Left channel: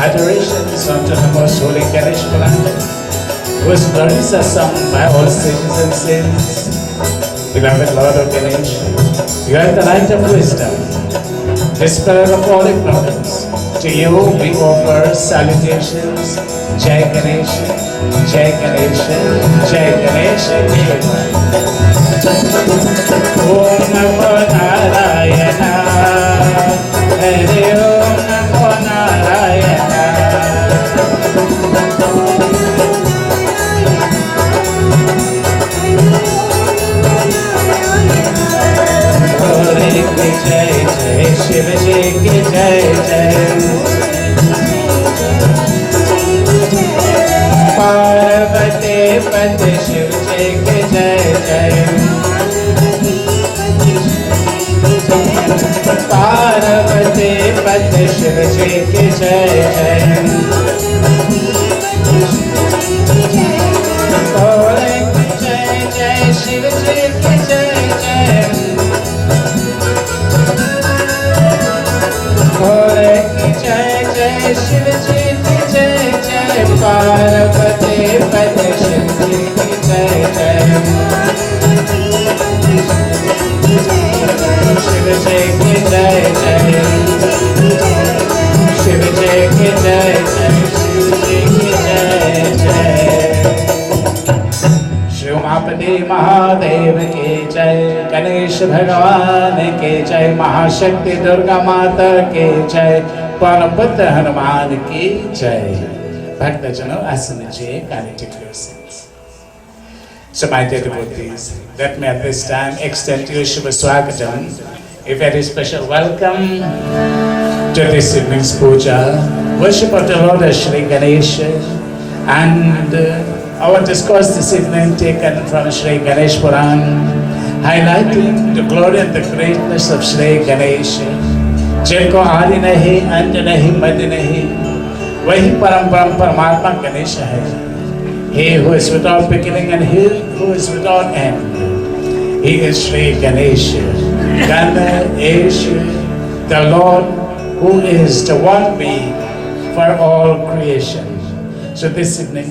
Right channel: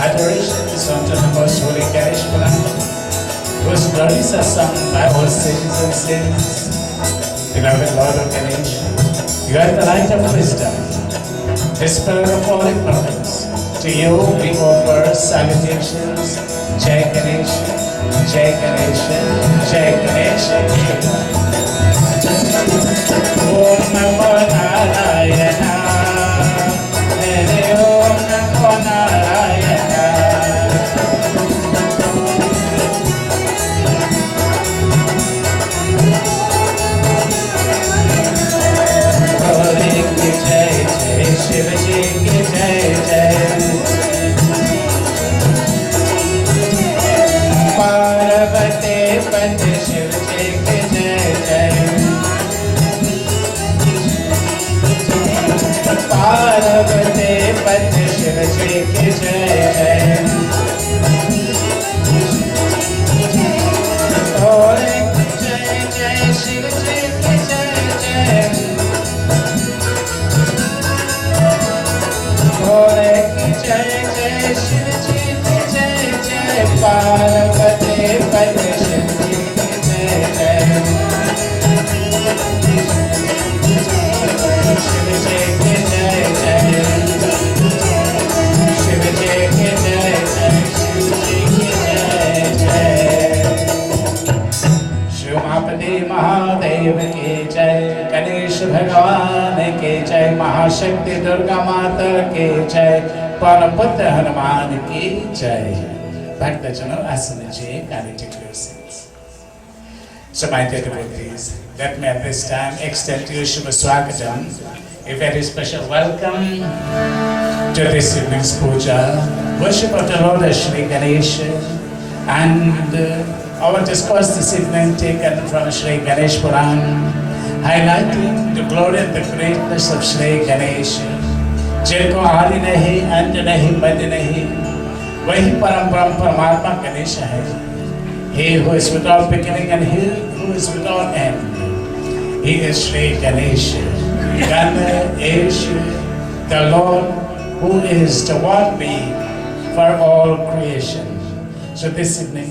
Adorations unto the most holy Ganesh whose glories are sung by all sages and saints. Beloved Lord of Ganesh, you are the light of wisdom, dispeller of all ignorance. To you we offer salutations. Jai Ganesh, Jai Ganesh, Jai Ganesh, Om Namo Narayana, Hare Om Namo Narayana. Hare Ki Jai Jai, Shiva Ji Ki Jai Jai. Parvati Pati Shiv Ji Ki Jai Jai. Parvati Pati Shiv Ji Ki Jai Jai. Hare Jai Jai Shiv Ji Ki Jai Jai. Hare Jai Jai Shiv Ji Ki Jai Jai. Parvati Pati Shiv Ji Ki Jai Jai. Shiv Ji Ki Jai Jai. Shiv Ji Ki Jai Jai. Shiv Ji Ki Jai Jai. Shri Umapati Mahadev Ki Jai. Ganesh Bhagavan Ki Jai. Mahashakti Durga Mata Ki Jai. Paraputra Hanuman Ki Jai. Bhaktajano Asanaji, kindly take your seats. So my dear devotees, let me at this time extend to you Shubha Swagatam, a very special welcome to this evening's puja, worship of the Lord as Shri Ganesh, and our discourse this evening taken from Shri Ganesh Puran, highlighting the glory and the greatness of Shri Ganesh. जिनको आदि नहीं, अंत नहीं, मध्य नहीं, वही परम परमात्मा गणेश है. He who is without beginning and he who is without end. He is Shri Ganesh. Ganesh, the Lord who is the one being for all creation. So this evening,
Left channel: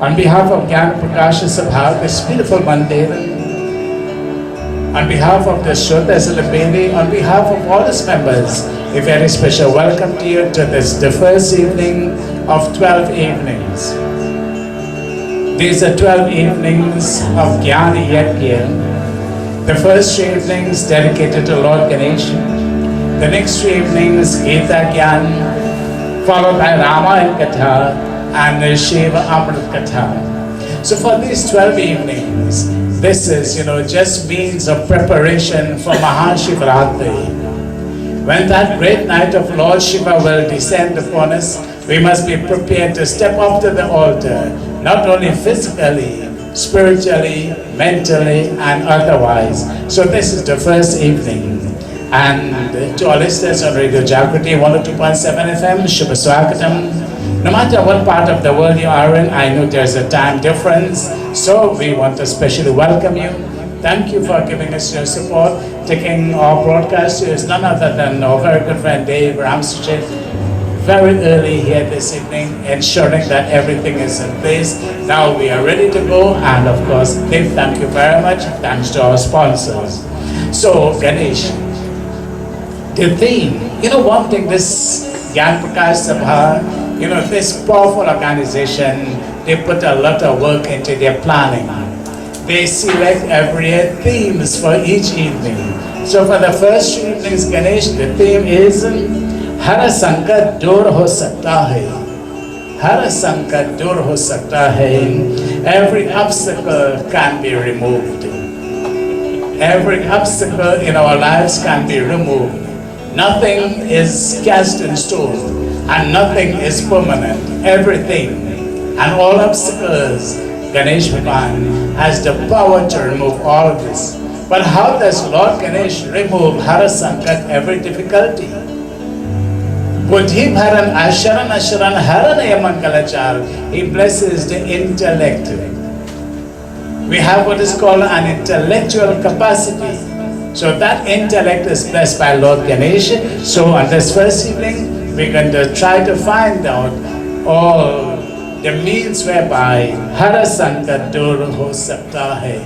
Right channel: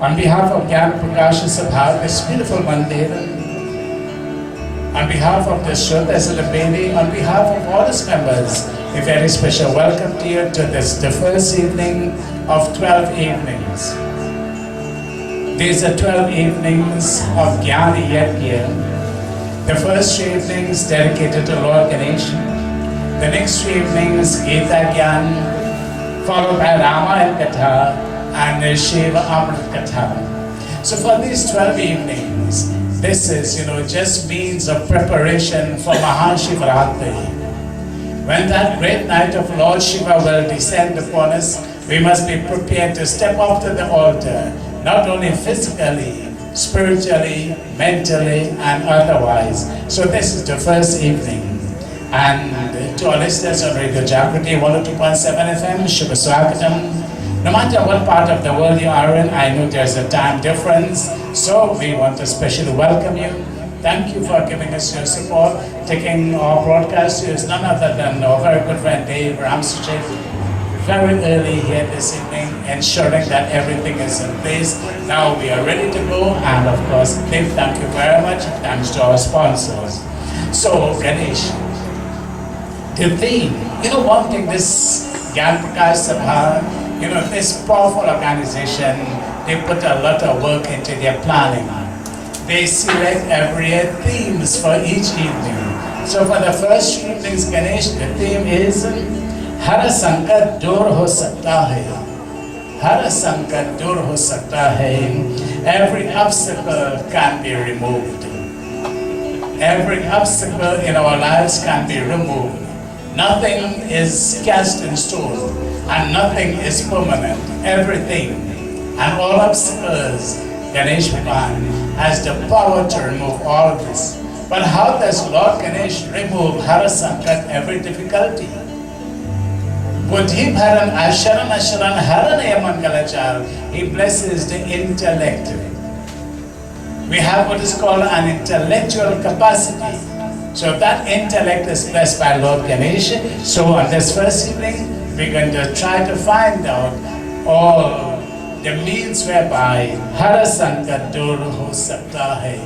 on behalf of Gyaan Prakash Sabha, this beautiful Mandir, on behalf of the Shrotas and the Beni, on behalf of all its members, a very special welcome to you to the first evening of 12 evenings. These are 12 evenings of Gyaan Yajna. The first 3 evenings dedicated to Lord Ganesh. The next 3 evenings Gita Gyaan, followed by Ramayana Katha and Shiva Amrit Katha. So for these 12 evenings, this is, just means of preparation for Mahashivratri. When that great night of Lord Shiva will descend upon us, we must be prepared to step up to the altar, not only physically, spiritually, mentally, and otherwise. So this is the first evening. And to our listeners on Radio Jagriti 102.7 FM, Shubha Swagatam. No matter what part of the world you are in, I know there's a time difference, so we want to especially welcome you. Thank you for giving us your support. Taking our broadcast is none other than our very good friend Dave Ramsey, very early here this evening, ensuring that everything is in place. Now we are ready to go, and of course, Dave, thank you very much. Thanks to our sponsors. So, Ganesh, the theme, one thing, this Gyaan Prakash Sabha, this powerful organization, they put a lot of work into their planning. They select every year themes for each evening. So for the first 3 evenings, Ganesh, the theme is Har Sankat Dur Ho Sakta Hai. Har Sankat Dur Ho Sakta Hai. Every obstacle can be removed. Every obstacle in our lives can be removed. Nothing is cast in stone. And nothing is permanent. Everything and all obstacles, Ganesh Bhagavan has the power to remove all of this. But how does Lord Ganesh remove Har Sankat, every difficulty? Buddhi Bharan Asharan Asharan Haranaya Mangalachar. He blesses the intellect. We have what is called an intellectual capacity. So that intellect is blessed by Lord Ganesh. So on this first evening, we're going to try to find out all the means whereby Hara Sankat Dur Ho Sakta Hai.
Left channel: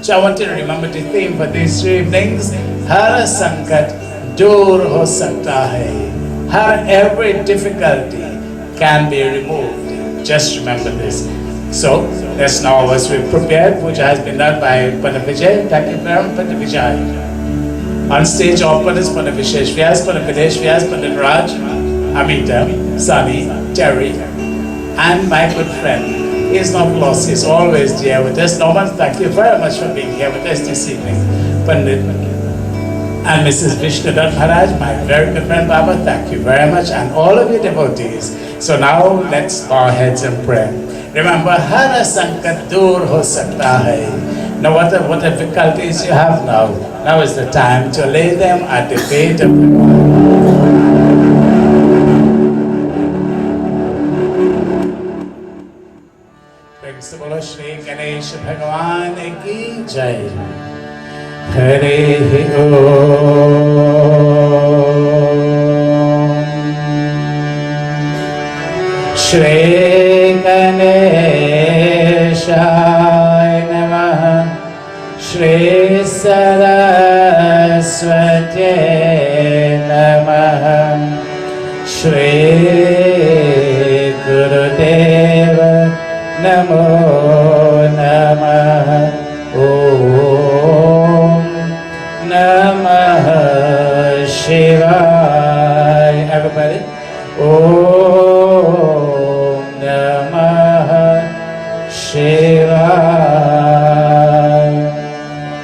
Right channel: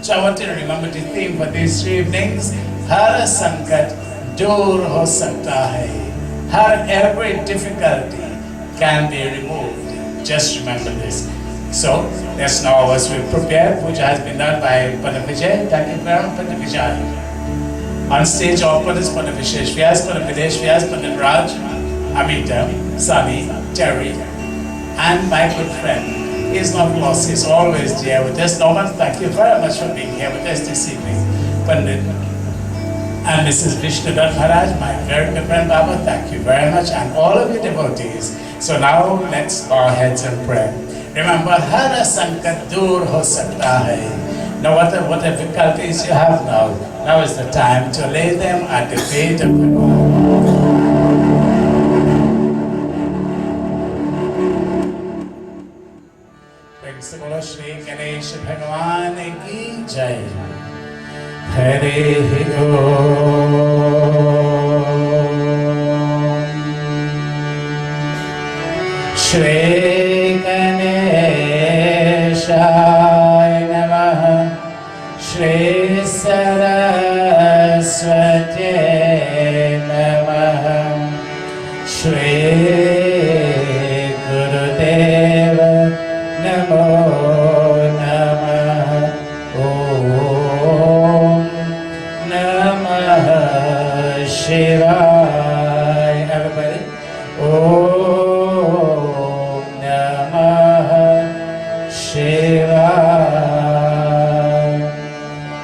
So I want you to remember the theme for these 3 evenings. Hara Sankat Dur Ho Sakta Hai. Every difficulty can be removed. Just remember this. So, let's now, as we've prepared, puja has been done by Pandit Vijay. Thank you very much, Pandit Vijay. On stage, all Pandits, Pandit Vishesh Vyas, Pandit Videsh Vyas, Pandit Raj, Amita, Sunny, Terry, and my good friend. He is not lost, he is always there with us. Norman, thank you very much for being here with us this evening. Pandit and Mrs. Vishnudat Maharaj, my very good friend Baba, thank you very much, and all of you devotees. So now, let's bow our heads and pray. Remember, Hara Sankat Dur Ho Sakta Hai. Now, what difficulties you have now is the time to lay them at the feet of God. Praise the Lord, Shri Ganesh Bhagavan ki Jai. Hare Om. Shri Ganeshaya Namaha. Shri Saraswati Namaha. Shri Gurudeva Namo Namaha. Om Namah Shivaya. Everybody. Om Namah Shivaya.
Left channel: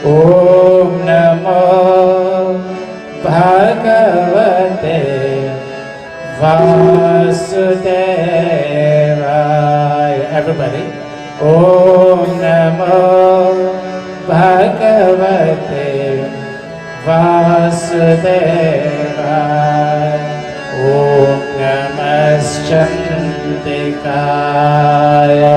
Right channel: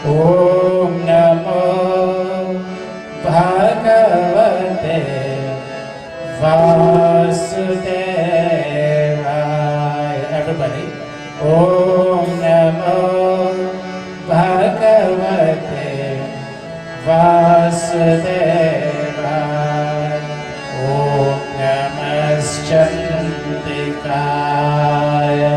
Om Namo Bhagavate Vasudevaya. Everybody. Om Namo Bhagavate Vasudevaya. Om Namaschandikaya.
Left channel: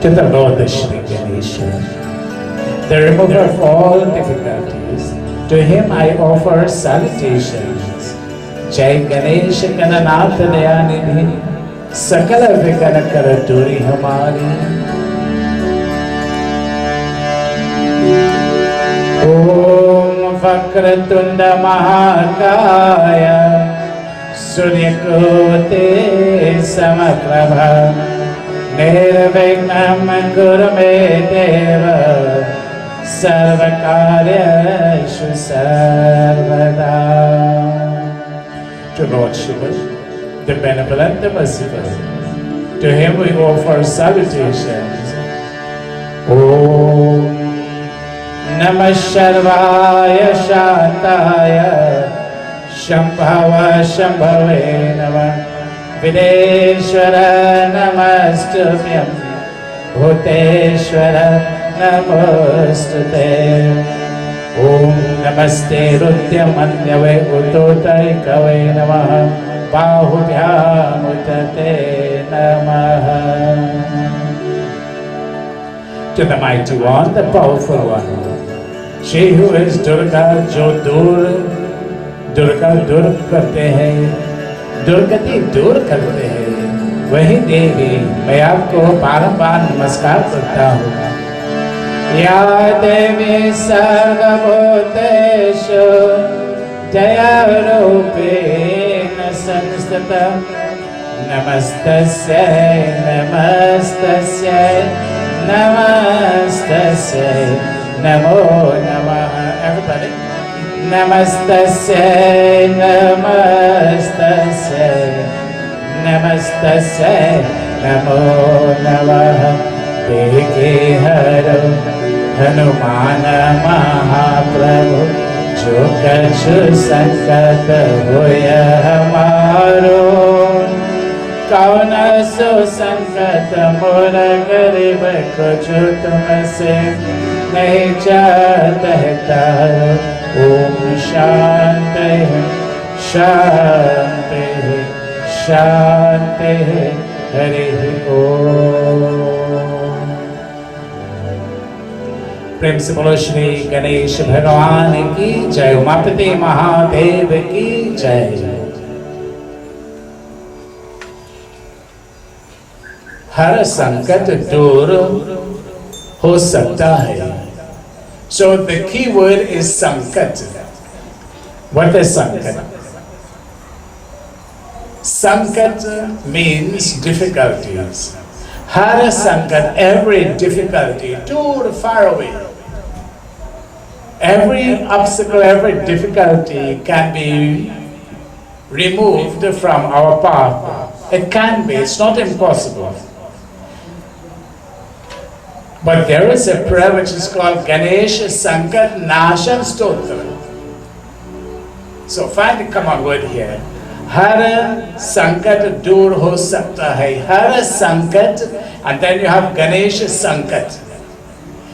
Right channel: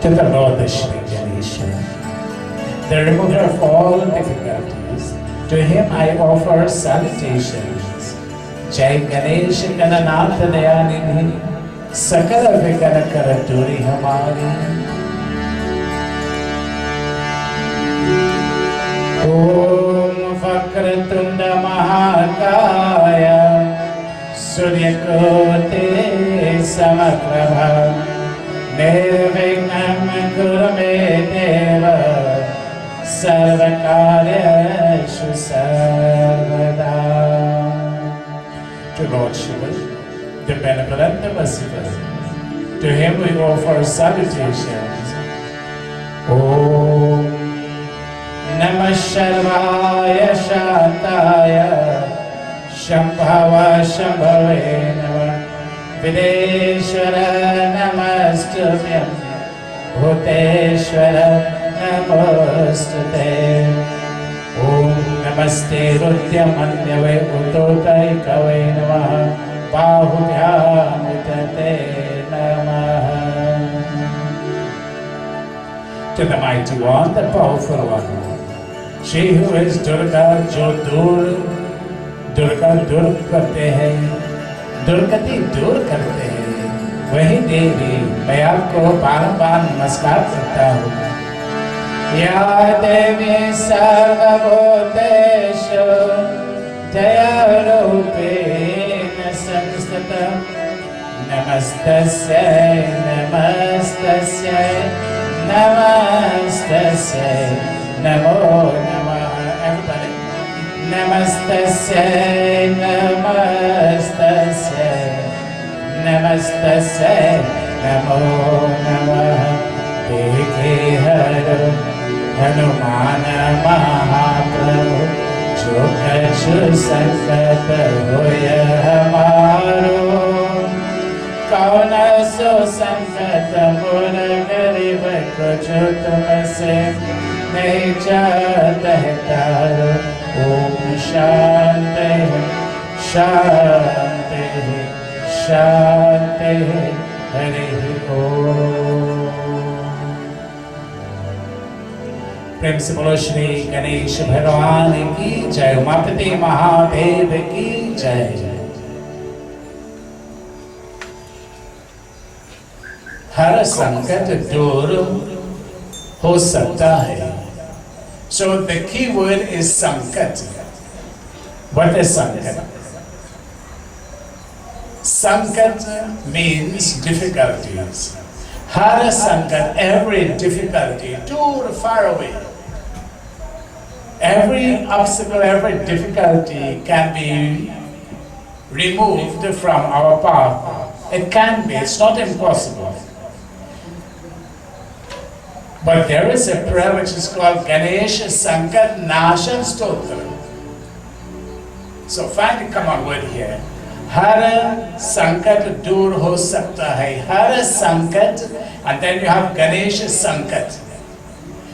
To the Lord Shri Ganesha, the remover of all difficulties, to him I offer salutations. Jai Ganesh Gananath Dayanidhi, Sakala Vigana Karaturi Hamari. Om Vakratunda Mahakaya, Suryakote Samaprabha, Nirvignam Kurume Deva, Sarvakaryashu Sarvada. To Lord Shiva, the benevolent, the merciful, to him we offer salutations. Om Namah Sharvaya Shantaya, Shambhava Shambhave Namah, Videshwara Namastubhyam, Bhuteshwara Namostute. Om Namaste Rudyam Anyave Utotai Kave Namaha, Bahubhyam Utate Namaha. To the mighty one, the powerful one, she who is Durga, jo Durga dur karte hai, दुर्गति दूर करते हैं, वही देवी मैं आपको बारंबार नमस्कार करता हूँ। या देवी सर्वभूतेषु दयारूपेण संस्थिता, नमस्तस्यै नमस्तस्यै नमस्तस्यै नमो नमः। Everybody. Namastasya, namastasya, namastasya, namo namaha. Deke haro Hanumana Mahaprabhu, jo kachu sankat hoya hamaro. Kauna so sankat mora garib ko jo tumse nahi chahta hai. Om Shanti Shanti Shanti Hari Om. प्रेम से बोलो श्री गणेश भगवान की जय, उमापति महादेव की जय। हर संकट दूर हो सकता है। So the key word is sankat. What is sankat? Sankat means difficulties. Har sankat, every difficulty, too far away. Every obstacle, every difficulty can be removed from our path. It can be, it's not impossible. But there is a prayer which is called Ganesh Sankat Nashan Stotra. So find the common word here. Har Sankat dur ho sakta hai. Har Sankat, and then you have Ganesh Sankat.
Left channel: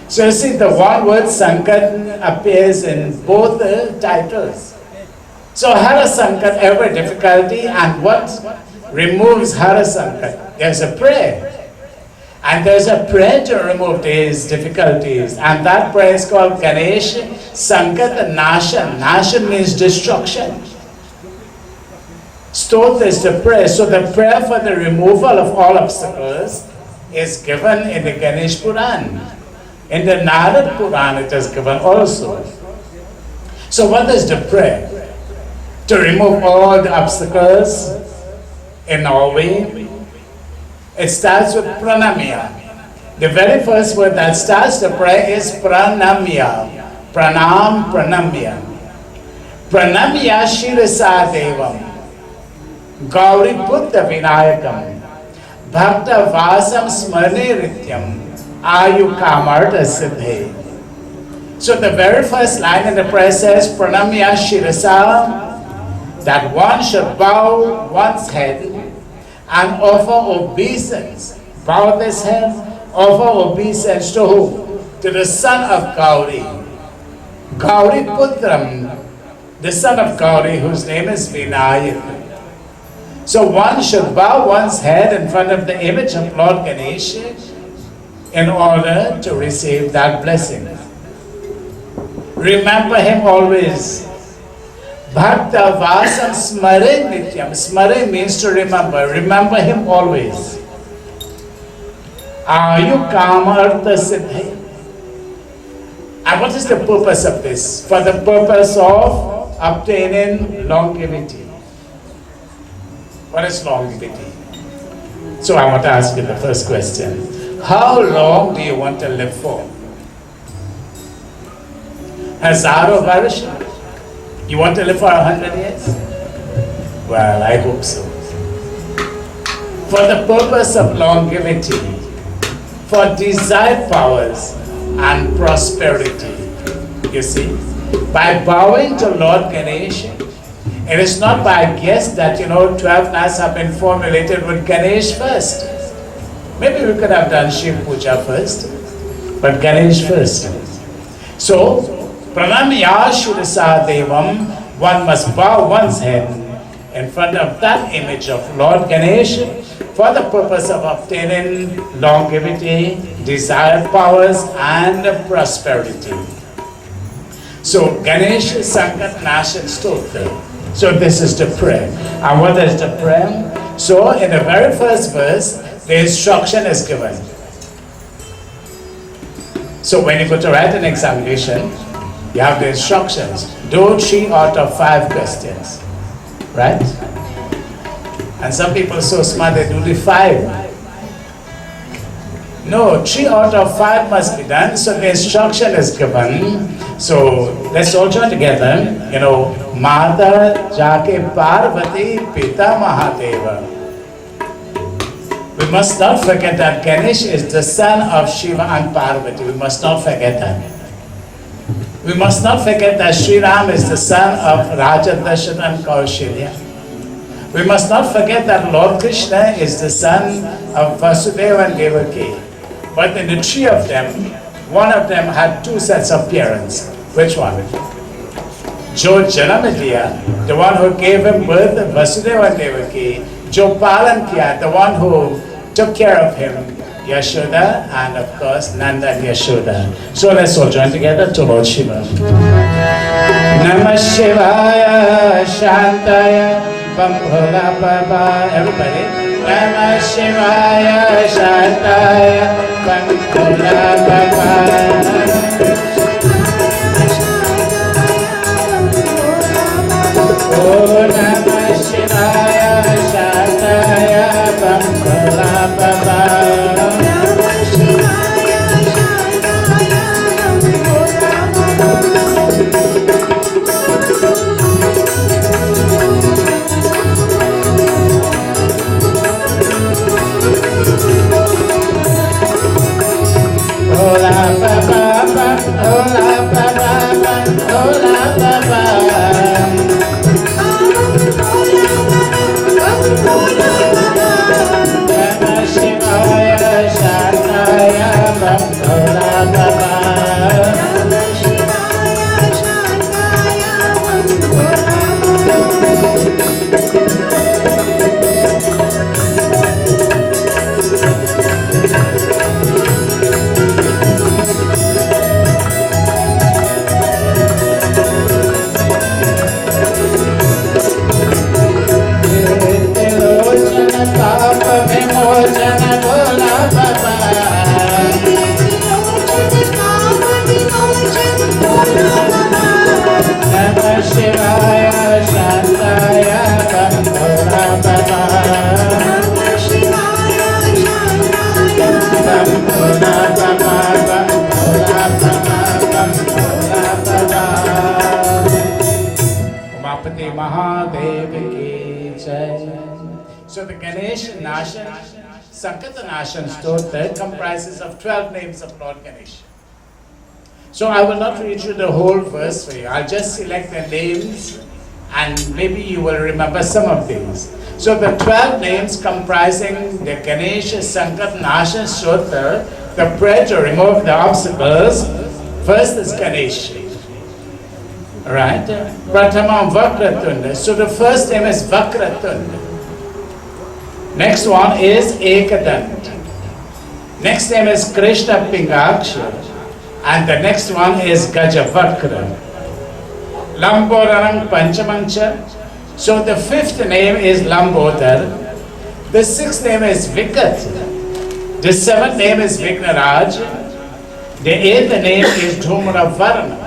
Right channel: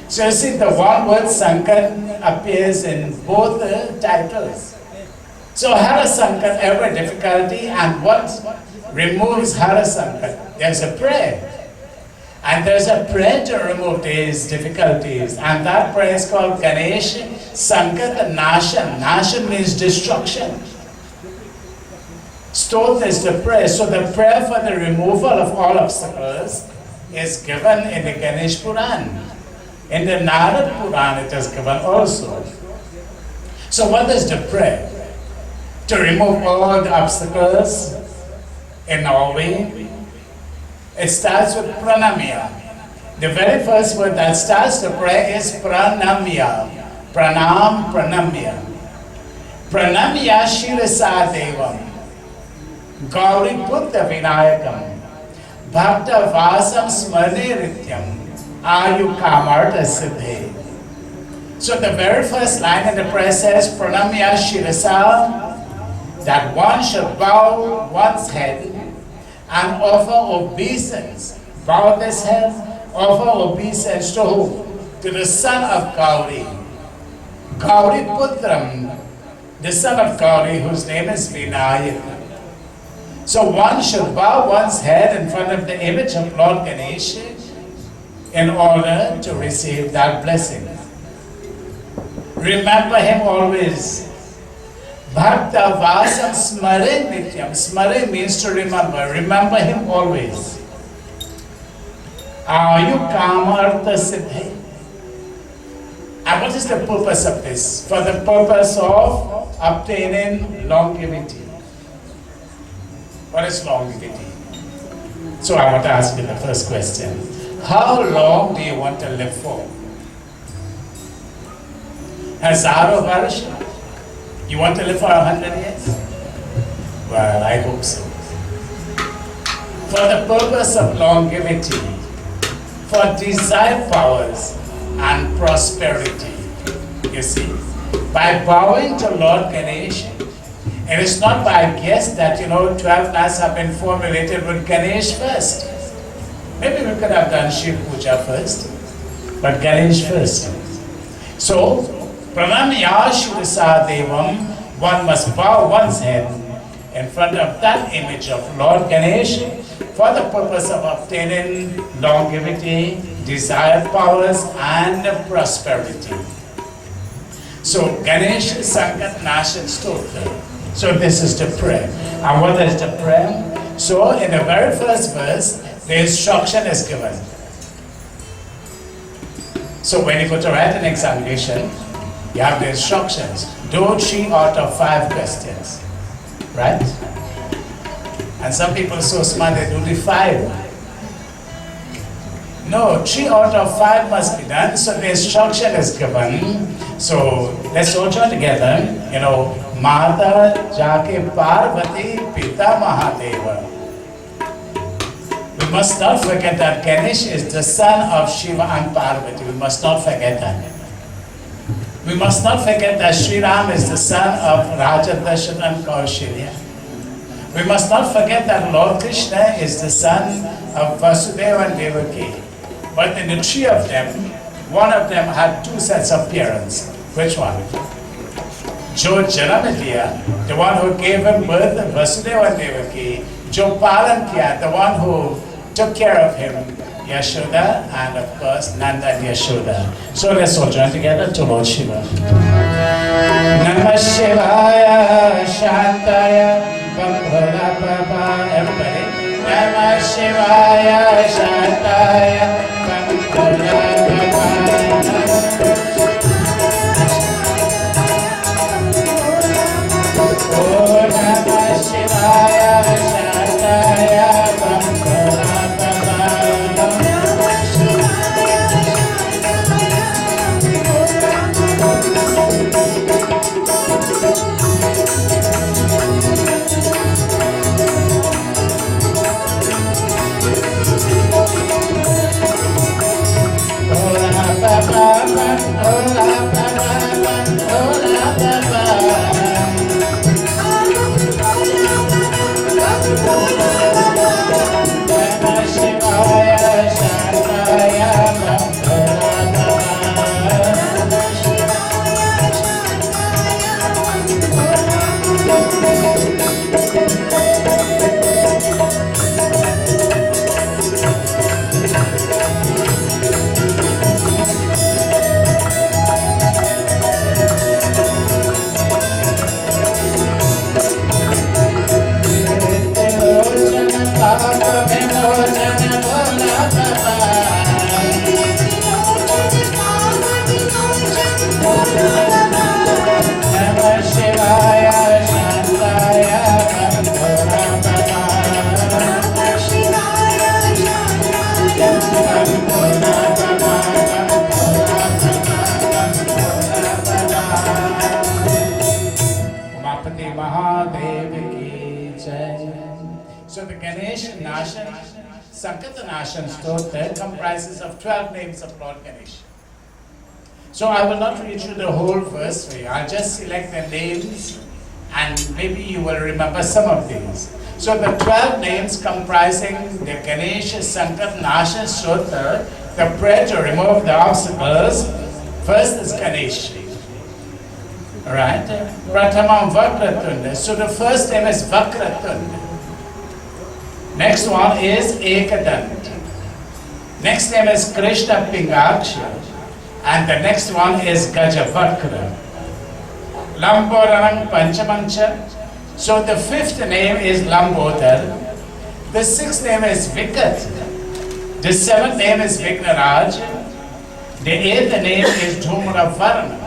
So you see the one word Sankat appears in both titles. So Har Sankat, every difficulty, and what removes Har Sankat? There's a prayer. And there's a prayer to remove these difficulties. And that prayer is called Ganesh Sankat Nashan. Nashan means destruction. Stotra is the prayer. So the prayer for the removal of all obstacles is given in the Ganesh Puran. In the Narad Puran it is given also. So what is the prayer? To remove all the obstacles in our way. It starts with pranamya. The very first word that starts the prayer is pranamya. Pranam, pranamya. Pranamya shirasa devam. Gauri Buddha Vinayakam. Bhakta Vasam Smrane Rityam. Ayu Kamarta Siddhe. So the very first line in the prayer says pranamya shirasa, that one should bow one's head and offer obeisance. Bow this head, offer obeisance to whom? To the son of Gauri. Gauri Putram, the son of Gauri, whose name is Vinayaka. So one should bow one's head in front of the image of Lord Ganesh in order to receive that blessing. Remember him always. Bhakta Vasam Smare Nityam. Smare means to remember. Remember him always. Ayu Kamarta Siddhi. And what is the purpose of this? For the purpose of obtaining longevity. What is longevity? So I want to ask you the first question. How long do you want to live for? Hazaro Varsha? You want to live for 100 years? Well, I hope so. For the purpose of longevity, for desired powers and prosperity, you see, by bowing to Lord Ganesh, it is not by guess that, 12 nights have been formulated with Ganesh first. Maybe we could have done Shiv Puja first, but Ganesh first. So, Pranamya Shurasa Devam, one must bow one's head in front of that image of Lord Ganesh for the purpose of obtaining longevity, desired powers, and prosperity. So Ganesh Sankat Nashan Stotra. So this is the prayer. And what is the prayer? So in the very first verse, the instruction is given. So when you go to write an examination, you have the instructions. Do 3 out of 5 questions. Right? And some people are so smart, they do the 5. No, 3 out of 5 must be done, so the instruction is given. So let's all join together. Mata Jake Parvati Pita Mahadeva. We must not forget that Ganesh is the son of Shiva and Parvati. We must not forget that. We must not forget that Sri Ram is the son of Raja Dasharatha and Kaushalya. We must not forget that Lord Krishna is the son of Vasudeva and Devaki. But in the 3 of them, one of them had 2 sets of parents. Which one? जो जन्म दिया, the one who gave him birth, Vasudeva Devaki, जो पालन किया, the one who took care of him, Yashoda, and of course Nanda and Yashoda. So let's all join together to Lord Shiva. Namah Shivaya Shantaya Bambhola Baba. Everybody. Namah Shivaya Shantaya Bambhola Baba. Oh Namah Shivaya Shantaya Bambhola Baba. So the Ganesh Nashan, Sankata Nashan Stotra comprises of 12 names of Lord Ganesh. So I will not read you the whole verse for you. I'll just select the names and maybe you will remember some of these. So the 12 names comprising the Ganesh Sankata Nashan Stotra, the prayer to remove the obstacles, first is Ganesh. Alright? Pratamam Vakratunda. So the first name is Vakratunda. Next one is Ekadant. Next name is Krishna Pingaksha. And the next one is Gajavakra. Lambodaram Panchamancha. So the fifth name is Lambodar. The sixth name is Vikat. The seventh name is Vignaraj. The eighth name is Dhumravarna.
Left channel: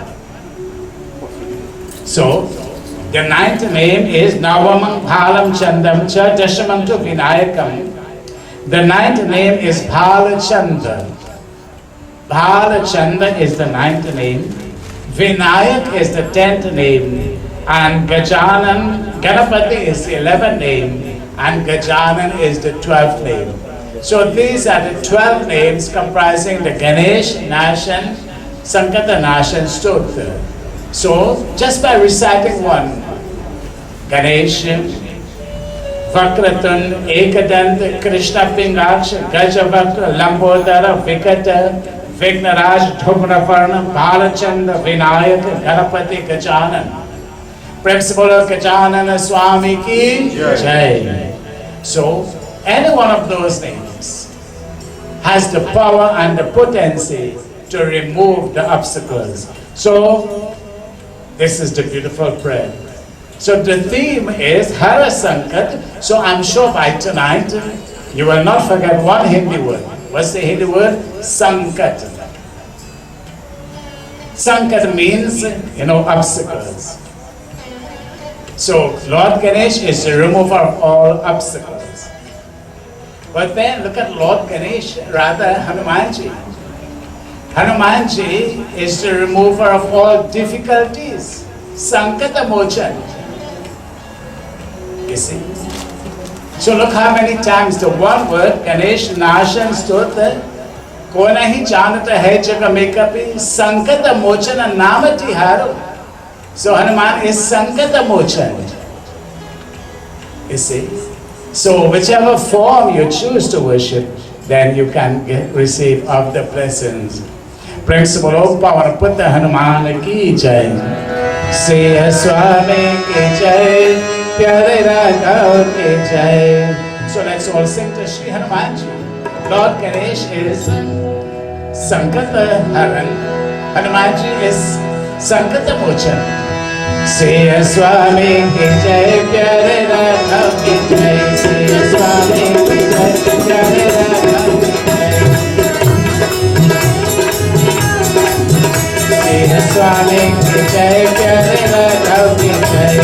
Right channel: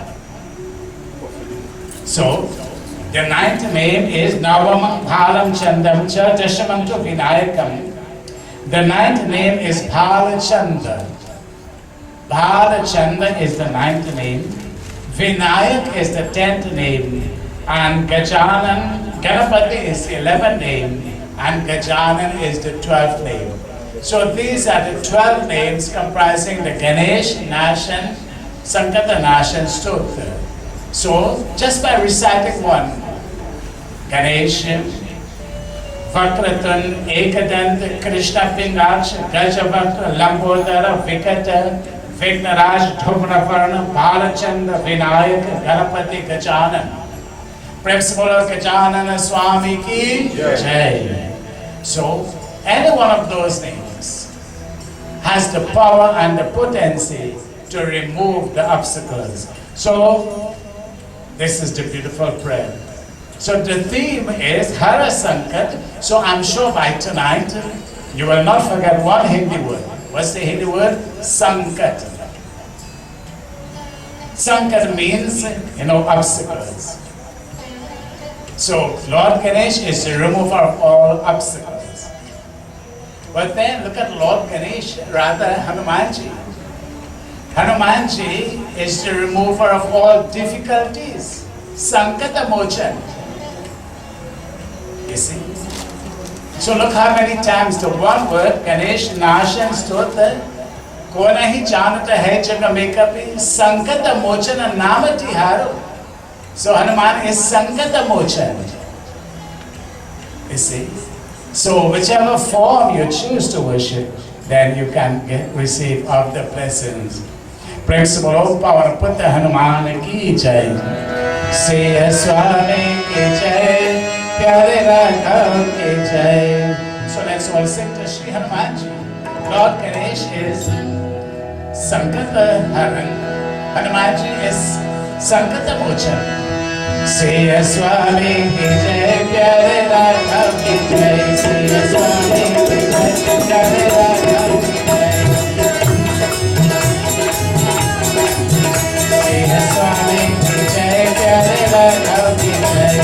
So, the ninth name is Navamam Bhalam Chandam Cha Dashamam to Vinayakam. The ninth name is Bhalachanda. Bhalachanda is the ninth name. Vinayak is the 10th name. And Gajanan, Ganapati is the 11th name. And Gajanan is the 12th name. So these are the 12 names comprising the Ganesh, Nashan, Sankata Nashan Stotra. So, just by reciting one, Ganesh, Vakratun, Ekadant, Krishna Pingaksha, Gajavakra, Lambodara, Vikata, Vignaraj, Dhumravarna, Bhalachanda, Vinayak, Ganapati, Gajanan. Principal Gajanana Swami ki Jai. So, any one of those names has the power and the potency to remove the obstacles. So, this is the beautiful prayer. So the theme is Hara Sankat. So I'm sure by tonight you will not forget one Hindi word. What's the Hindi word? Sankat. Sankat means, obstacles. So Lord Ganesh is the remover of all obstacles. But then look at Lord Ganesh, rather Hanumanji. Hanumanji is the remover of all difficulties. Sankata Mochan. You see? So look how many times the one word, Ganesh Nashan Stotra, Kona hi janata hai jaga mekapi, Sankata Mochana Namati Haro. So Hanuman is Sankata Mochan. You see? So whichever form you choose to worship, then you can receive of the blessings. Praise the Lord, Power Putta Hanuman ki Jai. Siya Swami ki jai, Pyare Raghav ki jai. So let's all sing to Shri Hanumanji. Lord Ganesh is Sankata Haran. Hanumanji is Sankata Mochan. Siya Swami ki jai, Pyare Raghav ki jai. Siya Swami ki jai, Pyare Raghav ki jai. Siya Swami ki jai, Pyare Raghav ki jai.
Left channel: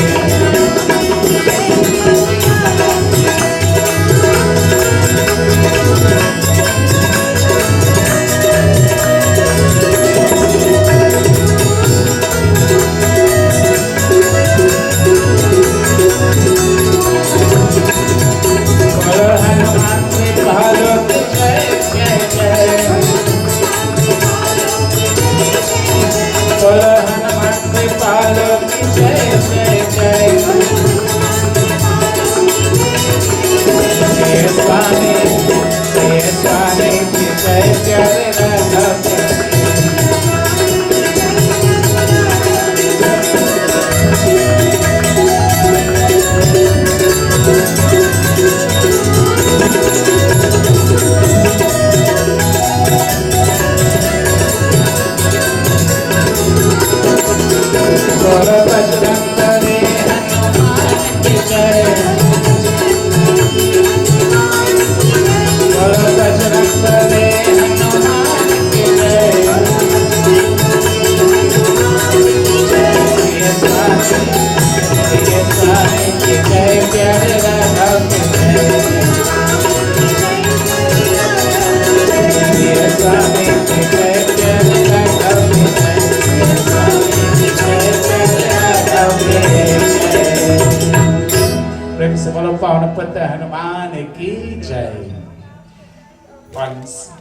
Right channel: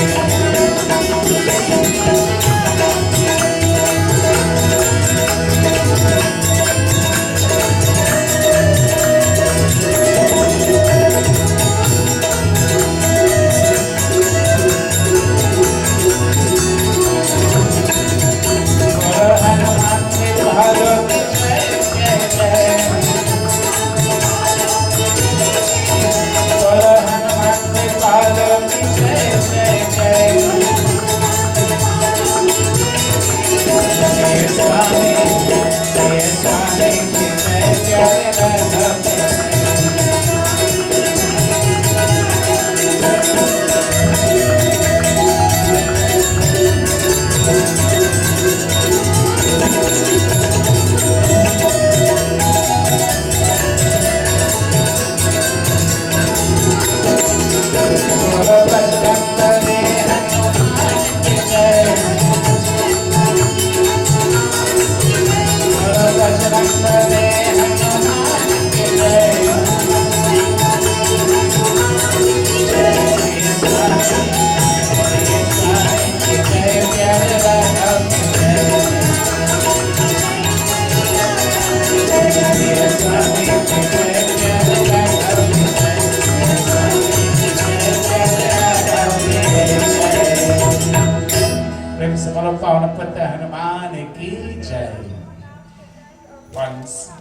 Once,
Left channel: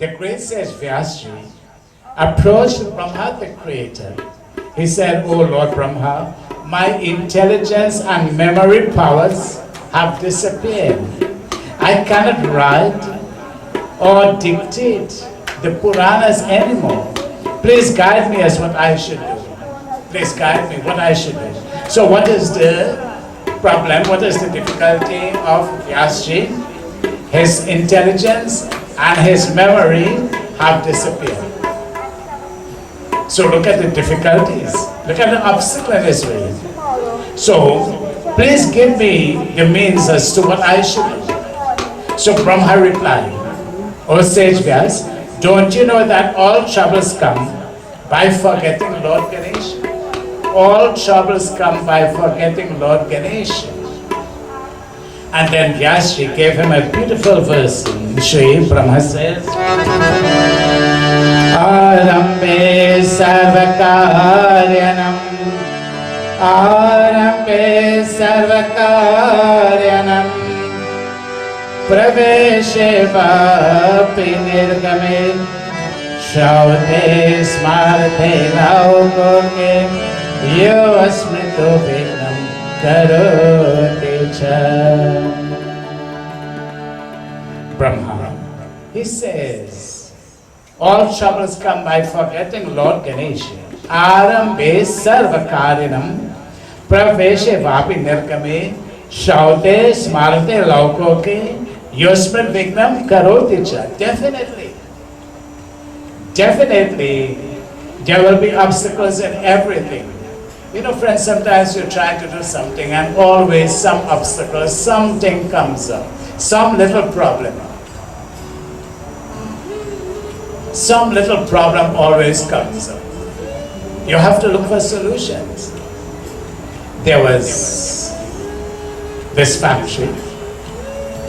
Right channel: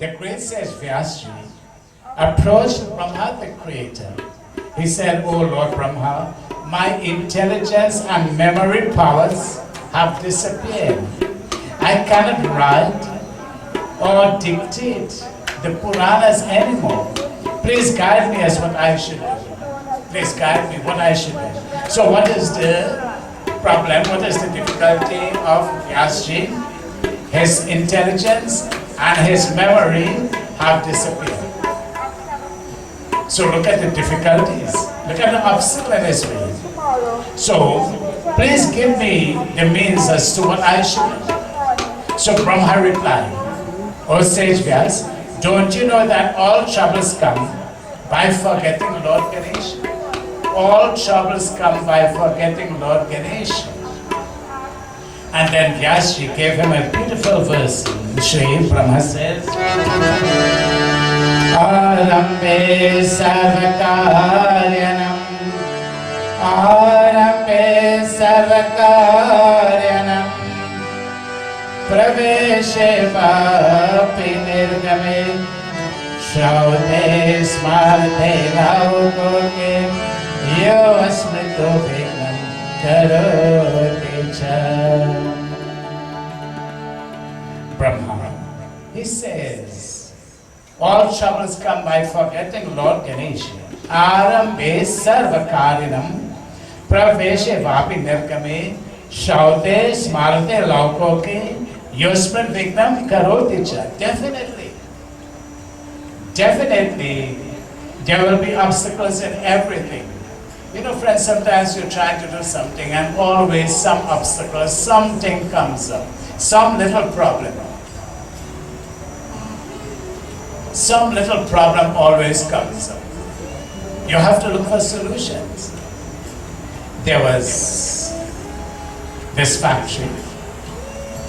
the great sage Vyas approached Brahma, the creator. He said, "O Lord Brahma, my intelligence and memory powers have disappeared. I cannot write or dictate the Puranas anymore. Please guide me as what I should do. Please guide me what I should do." So what is the problem? What is the difficulty of Vyasji? His intelligence and his memory have disappeared. So look at the difficulties. Look at the obstacle in his way. So please give me the means as to what I should do. So Brahma replied, "O sage Vyas, don't you know that all troubles come by forgetting Lord Ganesh? All troubles come by forgetting Lord Ganesh." And then Vyasji gave him a beautiful verse. Shri Brahma says, "Arambe sarvakaryanam, Arambe sarvakaryanam, Praveshe vapi nirgame, Shaute smarte laukoke, Yo asmrito vignam karote cha." Brahma, he says, all troubles come by forgetting Lord Ganesh. Arambe sarvakarinam, praveshe vapi nirgame, shaute smarte laukoke, yosman vignam karoti cha. Definitely, there will be obstacles in everything. You know, friends, sometimes you're trying to do something and always some obstacle, something comes up, some little problem. Some little problem always comes up. You have to look for solutions. There was this factory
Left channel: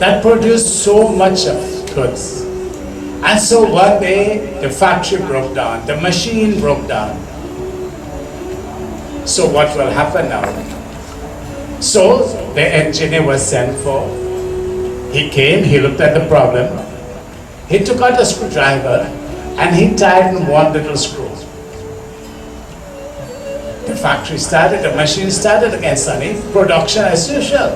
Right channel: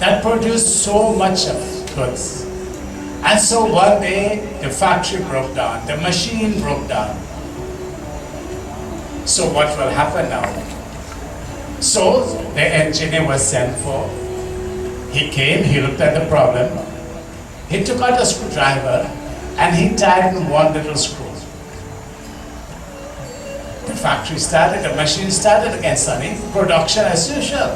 that produced so much of goods. And so one day the factory broke down, the machine broke down. So what will happen now? So the engineer was sent for. He came, he looked at the problem. He took out a screwdriver and he tightened one little screw. The factory started, the machine started again, Sonny. Production as usual.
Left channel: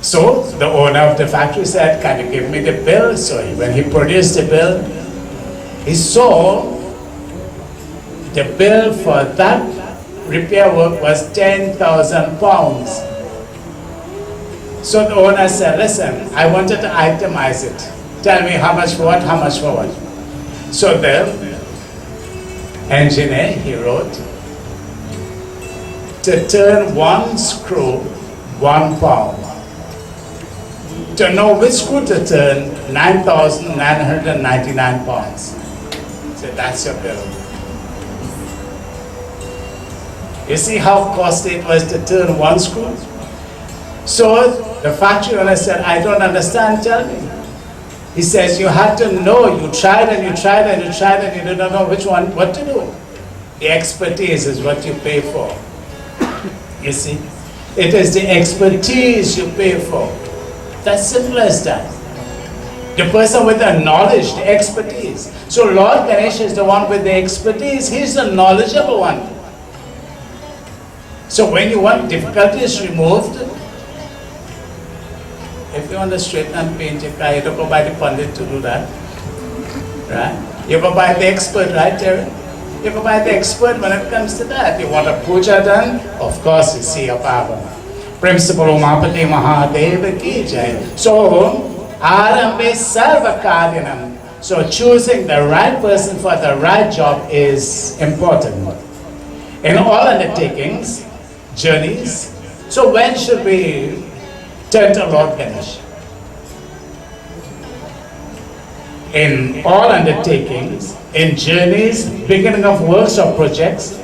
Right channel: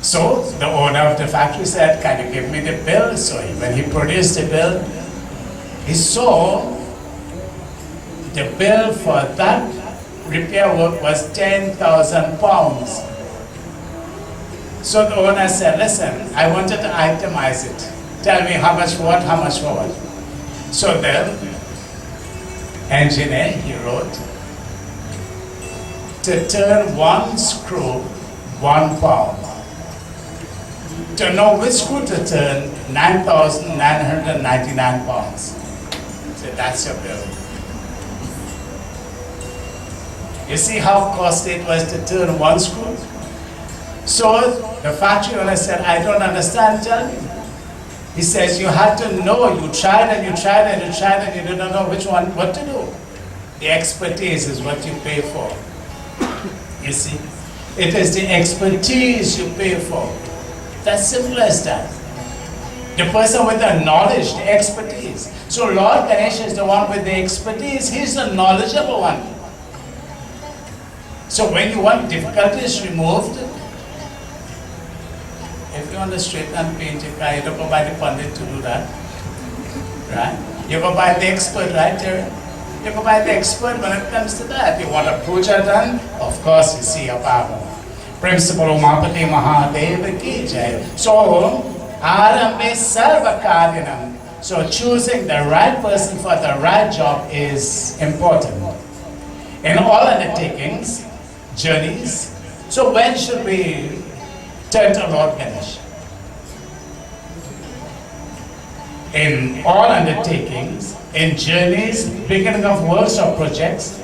So the owner of the factory said, "Can you give me the bill?" So when he produced the bill, he saw The bill for that repair work was 10,000 pounds. So the owner said, listen, I wanted to itemize it. Tell me how much for what, how much for what. So the engineer, he wrote, to turn one screw, £1. To know which screw to turn, 9,999 pounds. So that's your bill. You see how costly it was to turn one screw? So the factory owner said, I don't understand, tell me. He says, you had to know, you tried and you tried and you tried and you didn't know which one, what to do. The expertise is what you pay for. You see? It is the expertise you pay for. That's simple as that. The person with the knowledge, the expertise. So Lord Ganesh is the one with the expertise. He's the knowledgeable one. So when you want difficulties removed, if you want to straighten and paint your car, you don't go by the Pundit to do that. Right? You go by the expert, right, Terry? You go by the expert when it comes to that. You want a puja done? Of course, you see a Baba. Principal Umapati Mahadev ki jai. So, Arambe Sarva Karyanam. So, choosing the right person for the right job is important. In all undertakings, journeys, so when should we turn to Lord Ganesh? In all undertakings, in journeys, beginning of works or projects,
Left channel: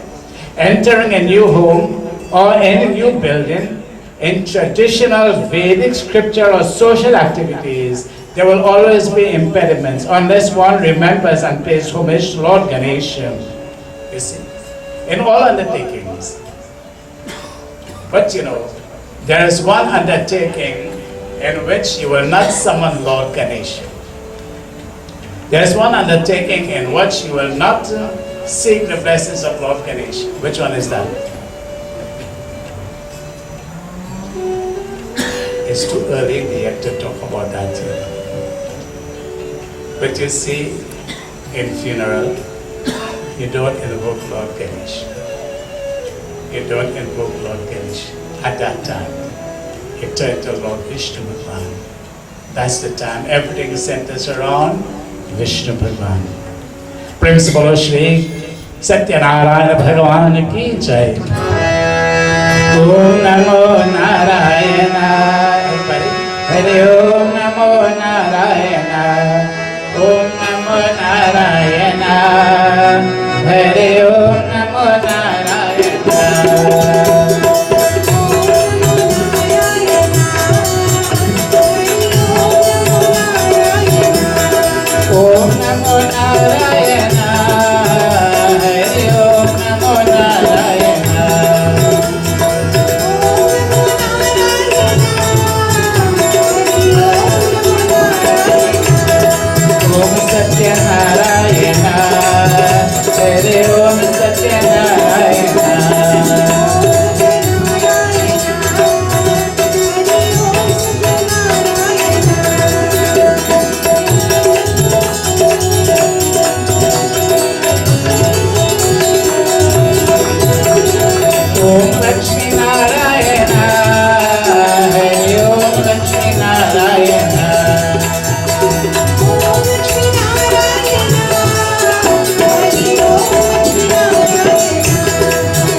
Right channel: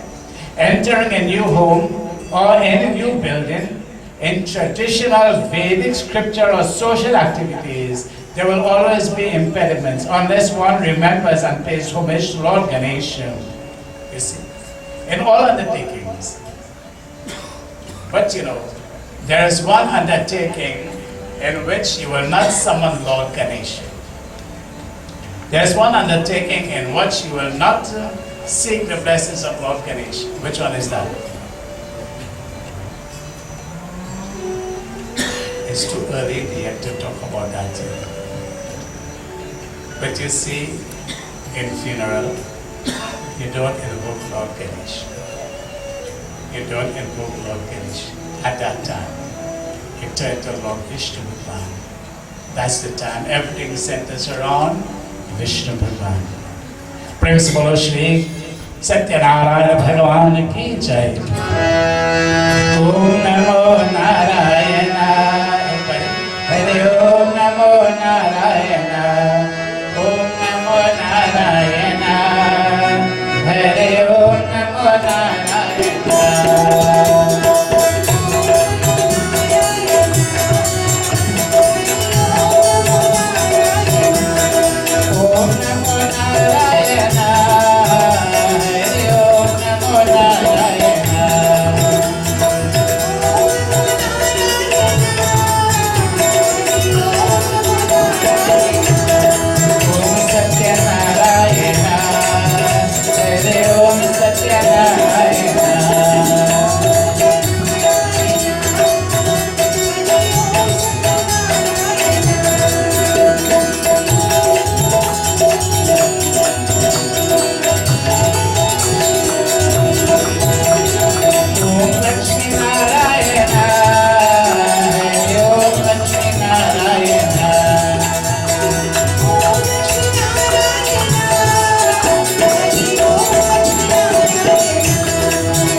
entering a new home or any new building, in traditional Vedic scripture or social activities, there will always be impediments unless one remembers and pays homage to Lord Ganesh. You see, in all undertakings. But you know, there is one undertaking in which you will not summon Lord Ganesh. There is one undertaking in which you will not seek the blessings of Lord Ganesh. Which one is that? It's too early yet to talk about that. But you see, in funeral, you don't invoke Lord Ganesh. You don't invoke Lord Ganesh. At that time, you turn to Lord Vishnu Bhagwan. That's the time everything centers around Vishnu Bhagwan. Principal Shri Satyanarayana Bhagwan ki jai. Om Namo Narayana. Hare Om Namo Narayana. Om Namo Narayana. Hare Om Namo Narayana. Om Namo Narayana. Hare Om Namo Narayana. Om Satyanarayana. Hare Om Satyanarayana. Om Lakshmi Narayana. Hare Om Lakshmi Narayana.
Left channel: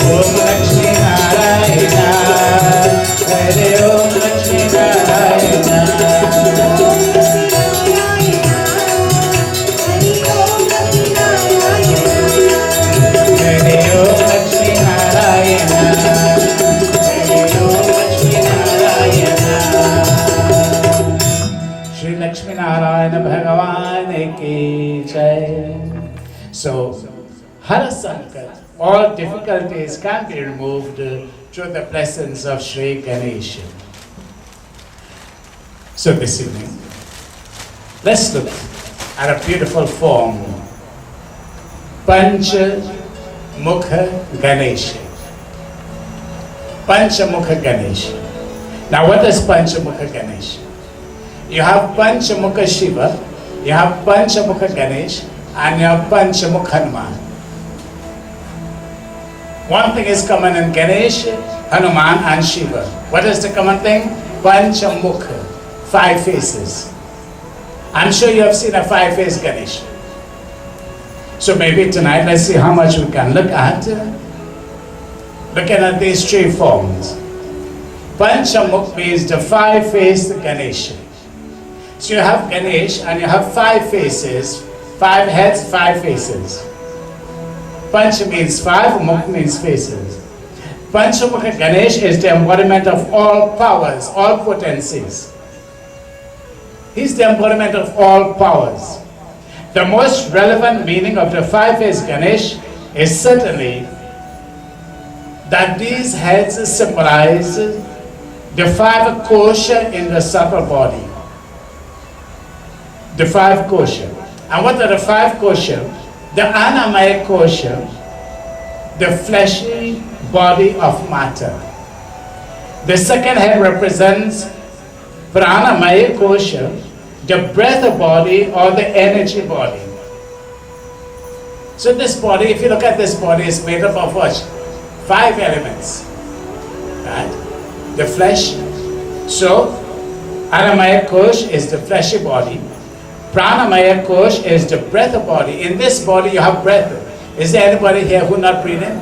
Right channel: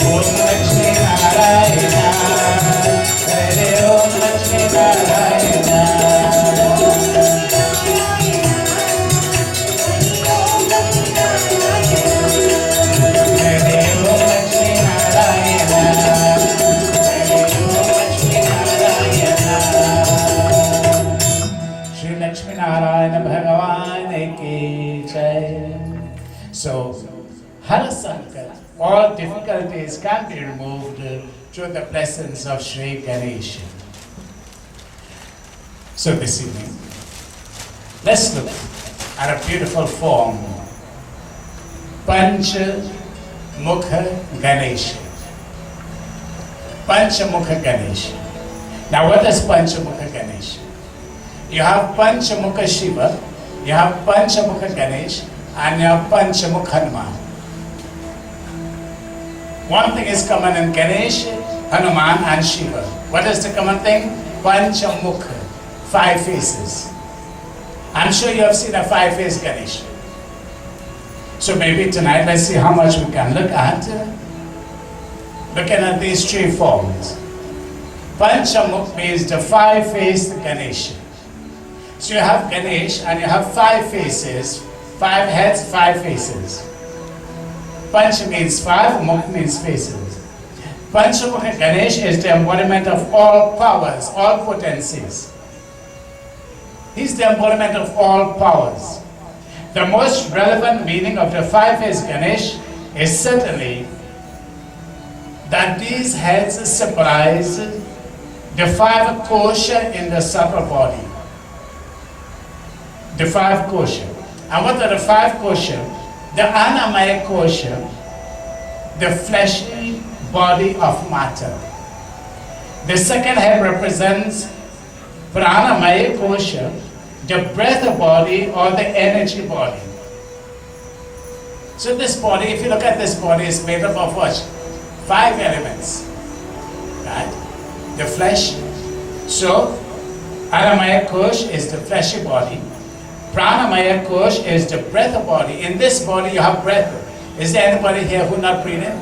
Om Lakshmi Narayana. Hare Om Lakshmi Narayana. Hare Om Lakshmi Narayana. Hare Om Lakshmi Narayana. Shri Lakshmi Narayana Bhagavan ki jai. So, Hara Sankat, all difficulties can be removed through the blessings of Shri Ganesh. So this evening, let's look at a beautiful form, Panchamukhi Ganesh. Panchamukhi Ganesh. Now what is Panchamukhi Ganesh? You have Panchamukhi Shiva, you have Panchamukhi Ganesh, and you have Panchamukhi Hanuman. One thing is common in Ganesh, Hanuman and Shiva. What is the common thing? Panchamukhi, 5 faces. I'm sure you have seen a 5-faced Ganesh. So maybe tonight let's see how much we can look at. Looking at these 3 forms. Panchamukhi means the 5-faced Ganesh. So you have Ganesh and you have 5 faces, 5 heads, 5 faces. Panch means 5, Mukh means faces. Panchamukhi Ganesh is the embodiment of all powers, all potencies. He's the embodiment of all powers. The most relevant meaning of the 5-faced Ganesh is certainly that these heads symbolize the 5 kosha in the subtle body. The 5 kosha. And what are the 5 kosha? The Annamaya kosha, the fleshy body of matter. The second head represents Pranamaya kosha, the breath body or the energy body. So this body, if you look at this body, is made up of what? 5 elements. Right? The flesh. So Annamaya kosh is the fleshy body. Pranamaya kosh is the breath body. In this body you have breath. Is there anybody here who not breathing?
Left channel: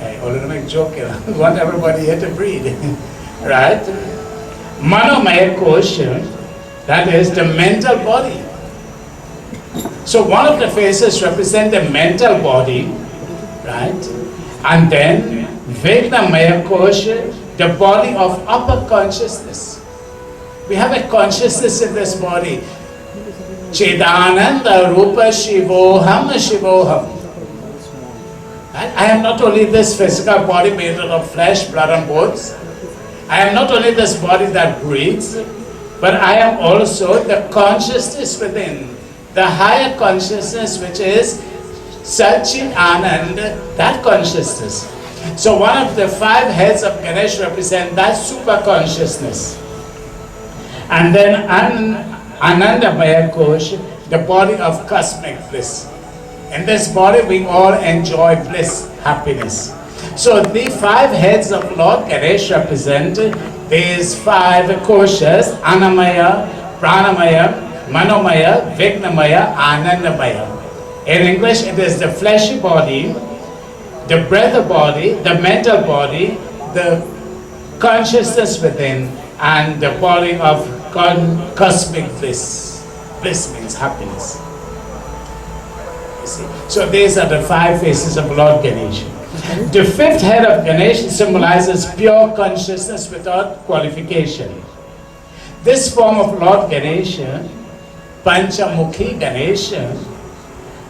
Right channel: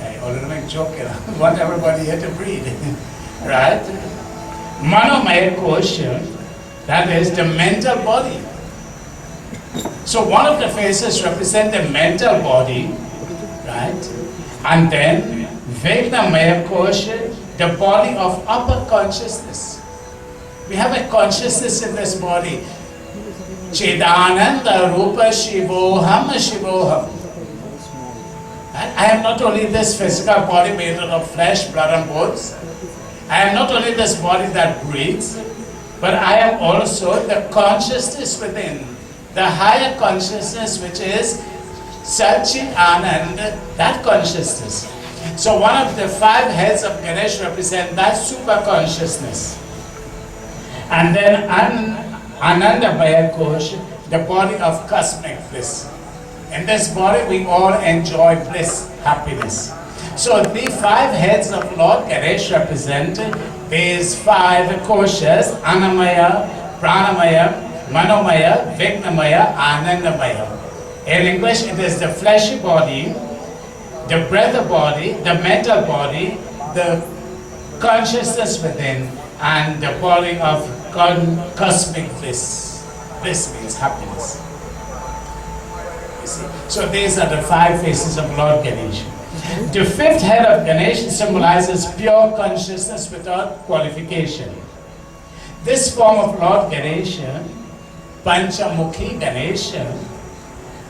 I already make joke here. I want everybody here to breathe. Right? Manomaya kosh, that is the mental body. So one of the faces represent the mental body, right? And then Vegnamaya kosh, the body of upper consciousness. We have a consciousness in this body. Chedananda Rupa Shivoham Shivoham. I am not only this physical body made out of flesh, blood and bones. I am not only this body that breathes, but I am also the consciousness within. The higher consciousness which is Satchit Anand, that consciousness. So one of the 5 heads of Ganesh represent that super consciousness. And then Anandamaya Kosh, the body of cosmic bliss. In this body we all enjoy bliss, happiness. So the 5 heads of Lord Ganesh represent these 5 koshas: Annamaya, Pranamaya, Manomaya, Vignamaya, Anandamaya. In English it is the fleshy body, the breath body, the mental body, the consciousness within, and the body of cosmic bliss. Bliss means happiness. You see? So these are the 5 faces of Lord Ganesh. The 5th head of Ganesh symbolizes pure consciousness without qualification. This form of Lord Ganesh, Panchamukhi Ganesh,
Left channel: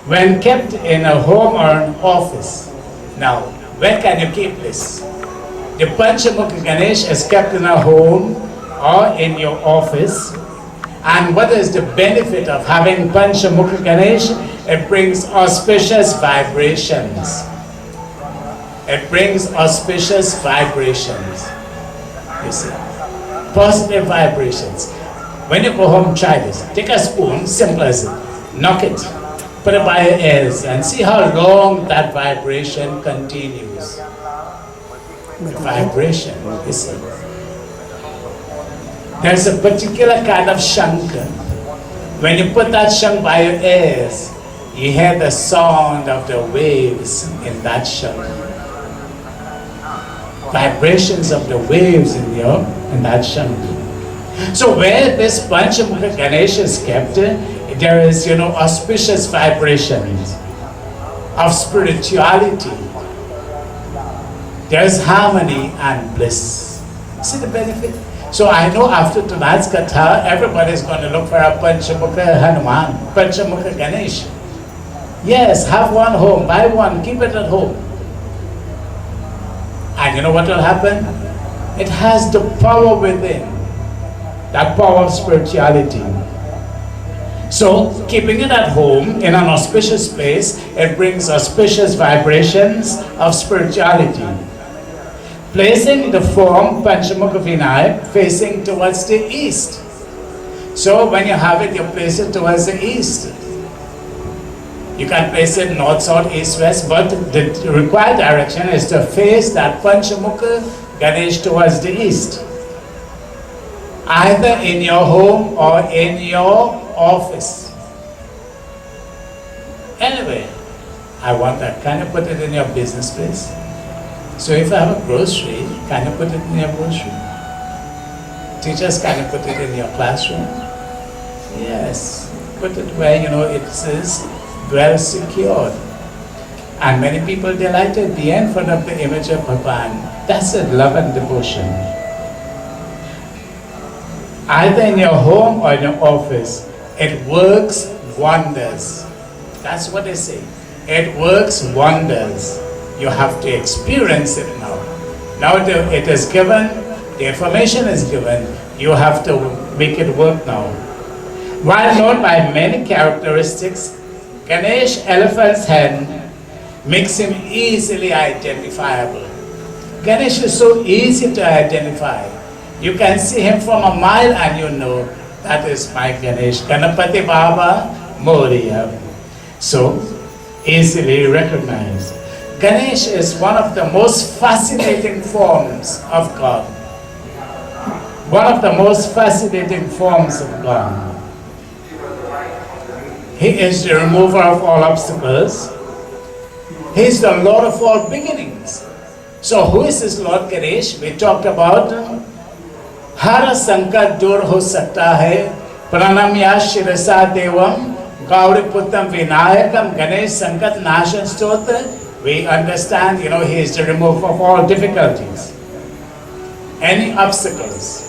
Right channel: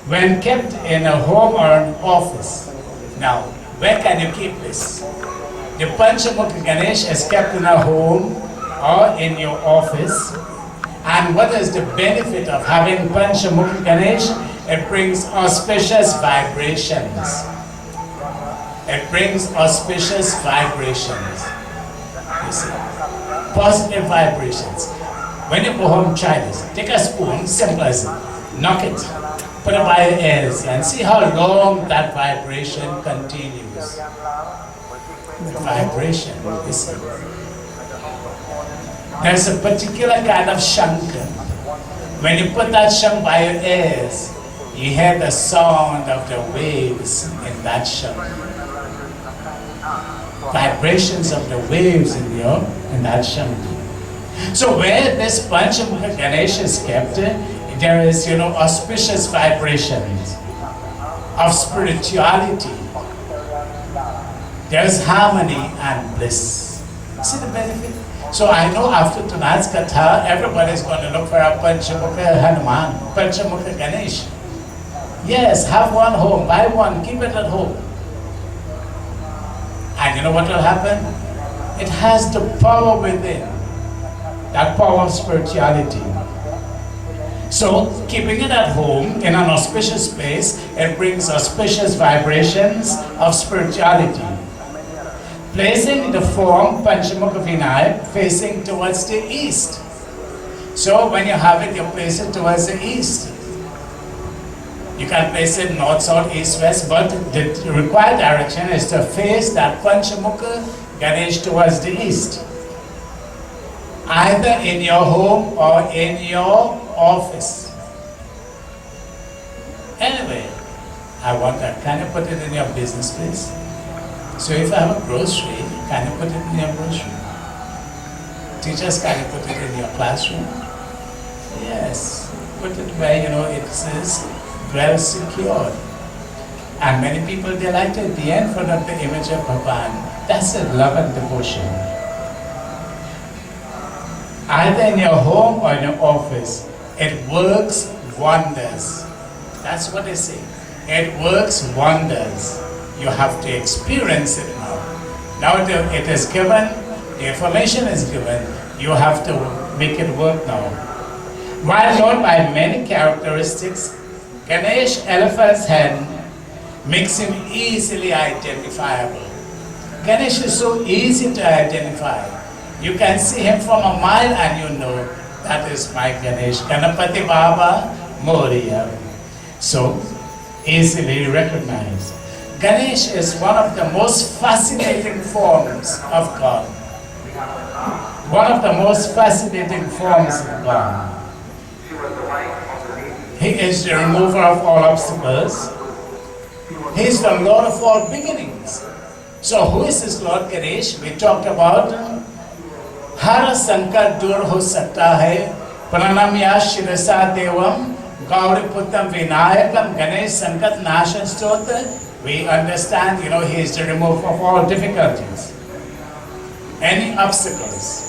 when kept in a home or an office. Now, where can you keep this? The Panchamukhi Ganesh is kept in a home or in your office. And what is the benefit of having Panchamukhi Ganesh? It brings auspicious vibrations. It brings auspicious vibrations. You see, positive vibrations. When you go home, try this. Take a spoon, simple as it. Knock it, put it by your ears, and see how long that vibration continues. The vibration, you see. There's a particular kind of shank. When you put that shank by your ears, you hear the sound of the waves in that shank. Vibrations of the waves in that shank. So where this Panchamukhi Ganesh is kept, there is, auspicious vibrations of spirituality. There is harmony and bliss. See the benefit? So I know after tonight's katha, everybody is going to look for a Panchamukhi Hanuman, Panchamukhi Ganesh. Yes, have one home, buy one, keep it at home. And you know what will happen? It has the power within, that power of spirituality. So keeping it at home in an auspicious place, it brings auspicious vibrations of spirituality. Placing the form Panchamukhi Vinayak facing towards the east. So when you have it, you place it towards the east. You can place it north, south, east, west, but the required direction is to face that Panchamukhi Ganesh towards the east. Either in your home or in your office. Anyway, I want that. Can you put it in your business place? So if I have a grocery, can you put it in your grocery? Teachers, can you put it in your classroom? Yes. Put it where it is well secured. And many people, they like to be in front of the image of Bhagavan. That's it, love and devotion. Either in your home or in your office, it works wonders. That's what they say. It works wonders. You have to experience it now. Now it is given, the information is given, you have to make it work now. While known by many characteristics, Ganesh elephant's head makes him easily identifiable. Ganesh is so easy to identify. You can see him from a mile and you know that is my Ganesh, Ganapati Baba Moriya. So, easily recognized. Ganesh is one of the most fascinating forms of God. One of the most fascinating forms of God. He is the remover of all obstacles. He is the Lord of all beginnings. So who is this Lord Ganesh? We talked about Hara Sankar Dur Ho Sakta Hai Pranamya Shirasa Devam Gauri Puttam Vinayakam Ganesh Sankat Nashan Stotra. We understand, he is the remover of all difficulties, any obstacles.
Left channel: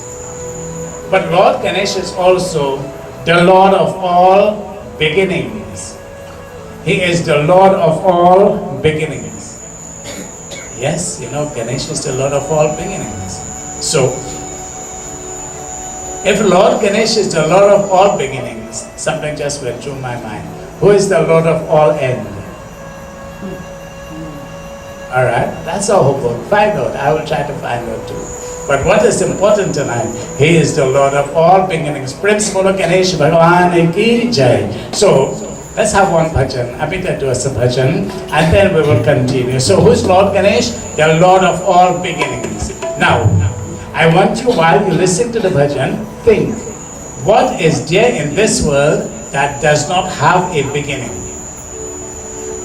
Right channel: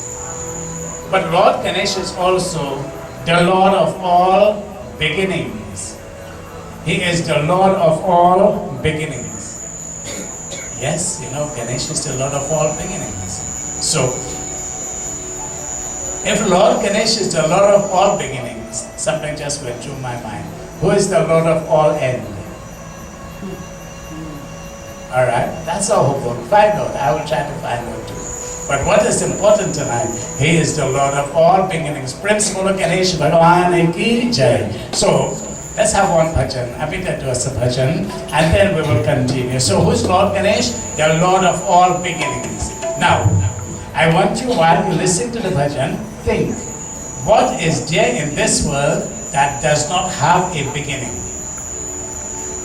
But Lord Ganesh is also the Lord of all beginnings. He is the Lord of all beginnings. Yes, Ganesh is the Lord of all beginnings. So, if Lord Ganesh is the Lord of all beginnings, something just went through my mind. Who is the Lord of all end? Alright, that's our homework. Find out. I will try to find out too. But what is important tonight? He is the Lord of all beginnings. Prince Molo Ganesh Bhagavan Ki Jai. So, let's have one bhajan. Abhita do us a bhajan and then we will continue. So, who is Lord Ganesh? The Lord of all beginnings. Now, I want you, while you listen to the bhajan, think, what is there in this world that does not have a beginning?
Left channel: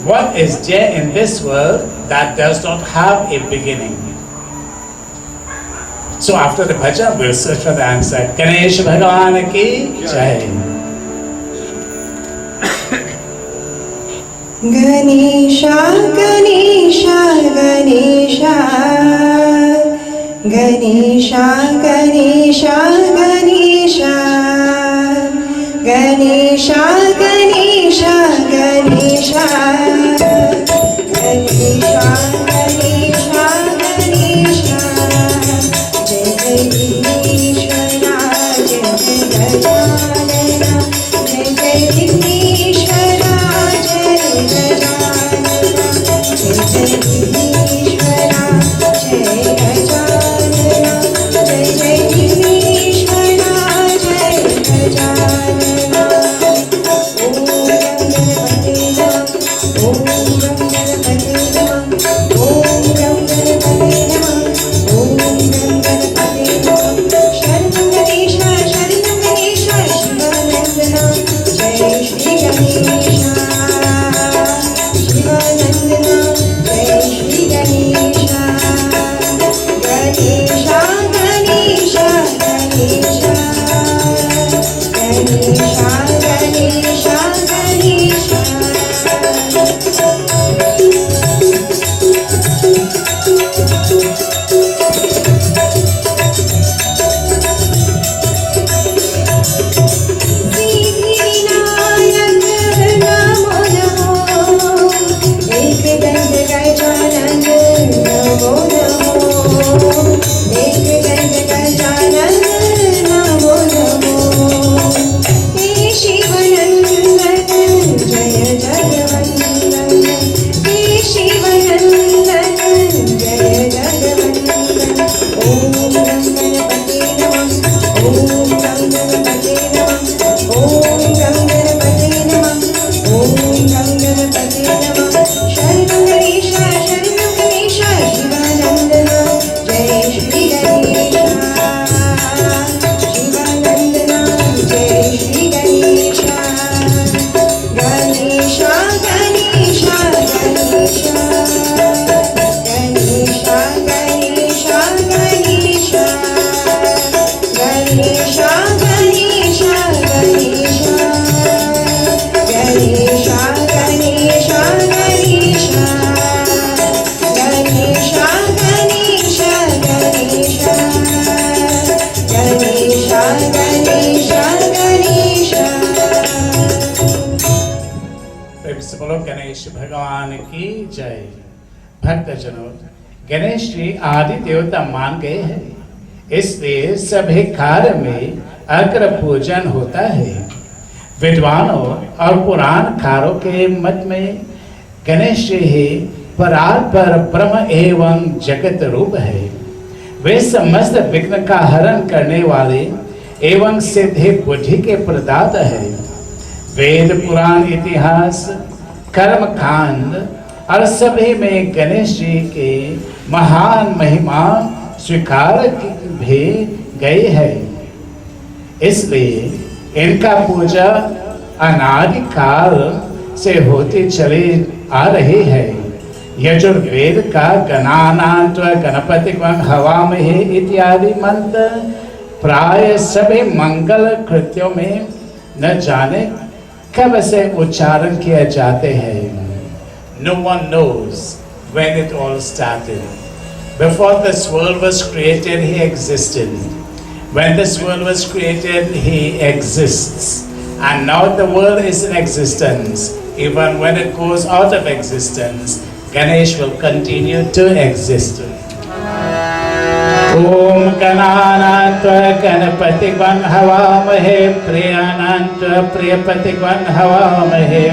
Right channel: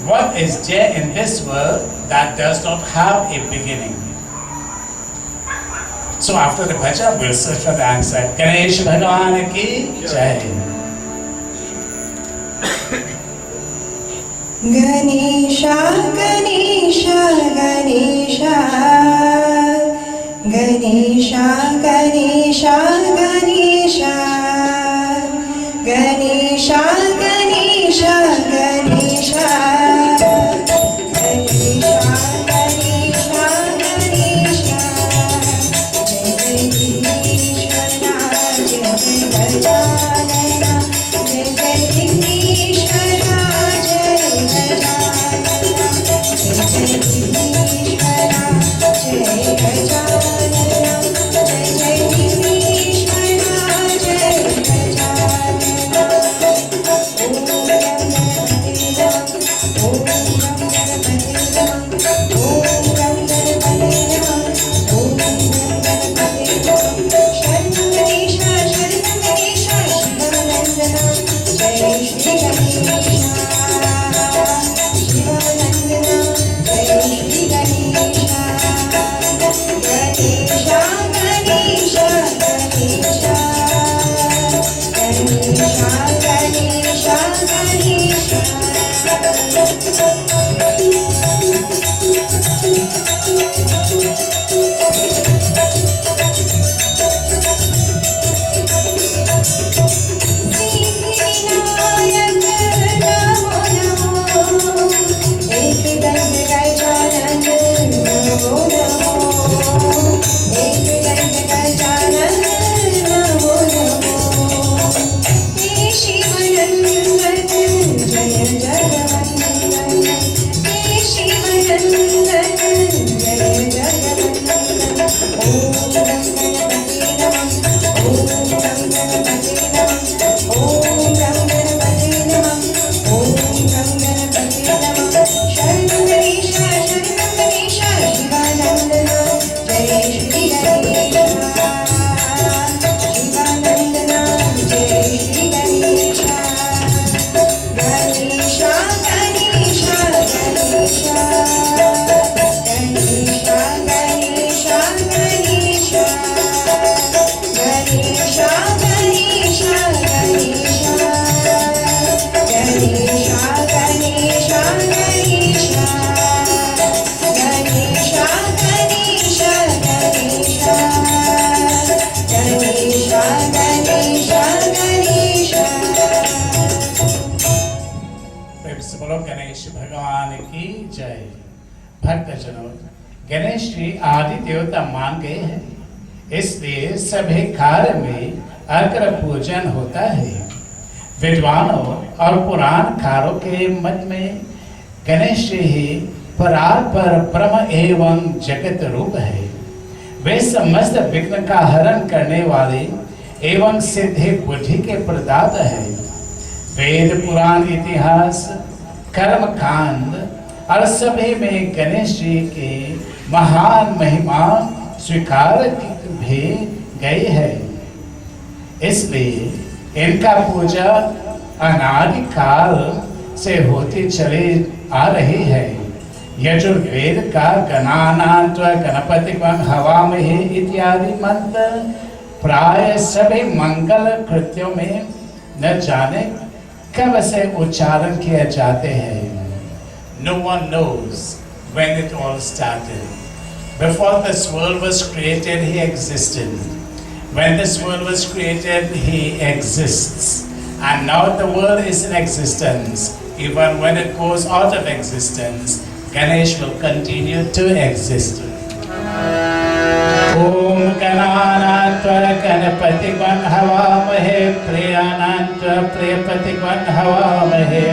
What is there in this world that does not have a beginning? So after the bhajan, we'll search for the answer. Ganesh Bhagavan Ki Jai. Ganesha, Ganesha, Ganesha, Ganesha, Ganesha, Ganesha, Ganesha, Ganesha, Ganesha, Ganesha, Ganesha, Ganesha, Jai Jai Ganesha, Jai Jai Gajanana, Jai Jai Ganesha, Jai Gajanana, Jai Jai Ganesha, Jai Gajanana, Jai Jai Ganesha, Jai Gajanana. Om Ganapati Namah, Om Ganapati Namah, Om Ganapati Namah, Sharanam Ganesha, Sharanam Ganesha, Shivanandana, Jai Shri Ganesha, Shivanandana, Jai Shri Ganesha, Ganesha, Ganesha, Ganesha, Ganesha, Ganesha, Ganesha. बोलो गणेश भगवान की जय। भक्तजनों, गणेश जी आदि देवता मान गए हैं, इसलिए सभी कार्य में अग्र पूजन होता है। विद्वानों और पुराणकारों के मत में गणेश जी ही परात्पर ब्रह्म एवं जगत रूप है। वे समस्त विघ्न का हरण करने वाले एवं सिद्धि बुद्धि के प्रदाता है। वेद पुराण इतिहास कर्म कांड और सभी में गणेश जी के महान महिमा स्वीकार भी गई है। इसलिए इनका पूजा अनादि काल से होती चली आ रही है। यजुर्वेद का गणानान्त्व गणपति हवामहे इत्यादि मंत्र प्राय सभी मंगल कृत्यों में न जाने कब से उच्चारण किए जाते हैं। No one knows when it all started. Before this world was created, he existed. When this world was created, he exists. And now the world is in existence. Even when it goes out of existence, Ganesh will continue to exist. Om Gananatva Ganapativam Havamahe Priyanantva Priyapativam Havamahe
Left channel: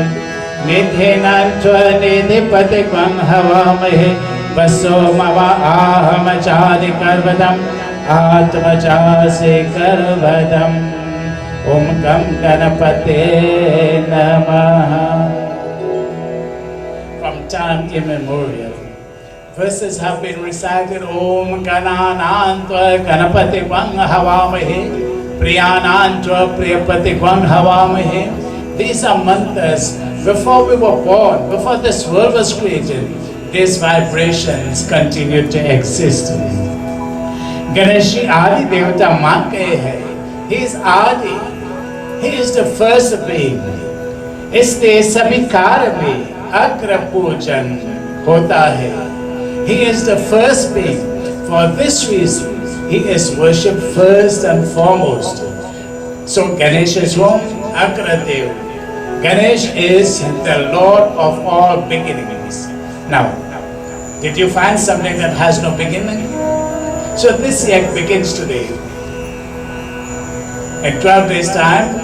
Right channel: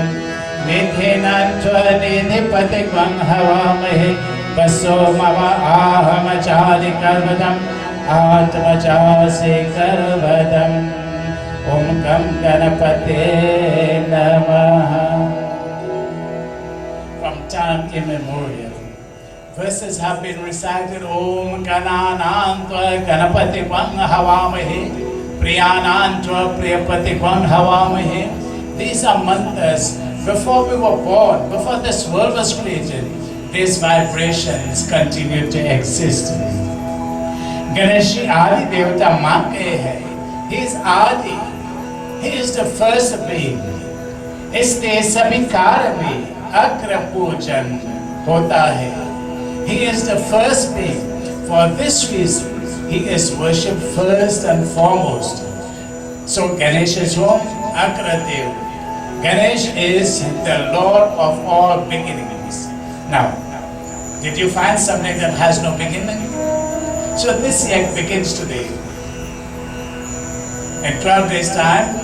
Nidhinantva Nidhipativam Havamahe Vaso Mava Ahamachadi Karvadam Atmachasi Karvadam Om Gam Ganapate Namaha. From time immemorial, verses have been recited. Om Gananantva Ganapati Vang Havamahe Priyanantva Priyapati Vang Havamahe. These are mantras. Before we were born, before this world was created, these vibrations continued to exist. Ganesh Adi Devata मान गए हैं. He is Adi. He is the first being. इसलिए सभी कार्य में अग्र पूजन होता है. He is the first being. For this reason, he is worshipped first and foremost. So Ganesh is whom? Agradev. Ganesh is the Lord of all beginnings. Now, did you find something that has no beginning? So this year begins today. In 12 days' time,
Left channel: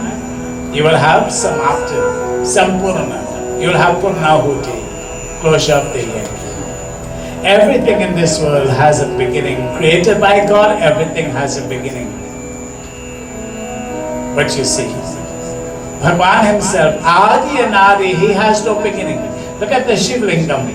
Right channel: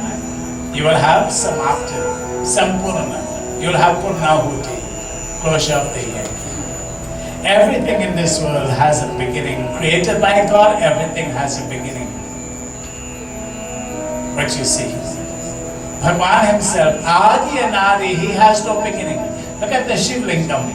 you will have Samapti, Sampurna. You will have Purnahuti, closure of the year. Everything in this world has a beginning. Created by God, everything has a beginning. But you see, Bhagwan himself, Adi and Adi, he has no beginning. Look at the Shiv Lingam.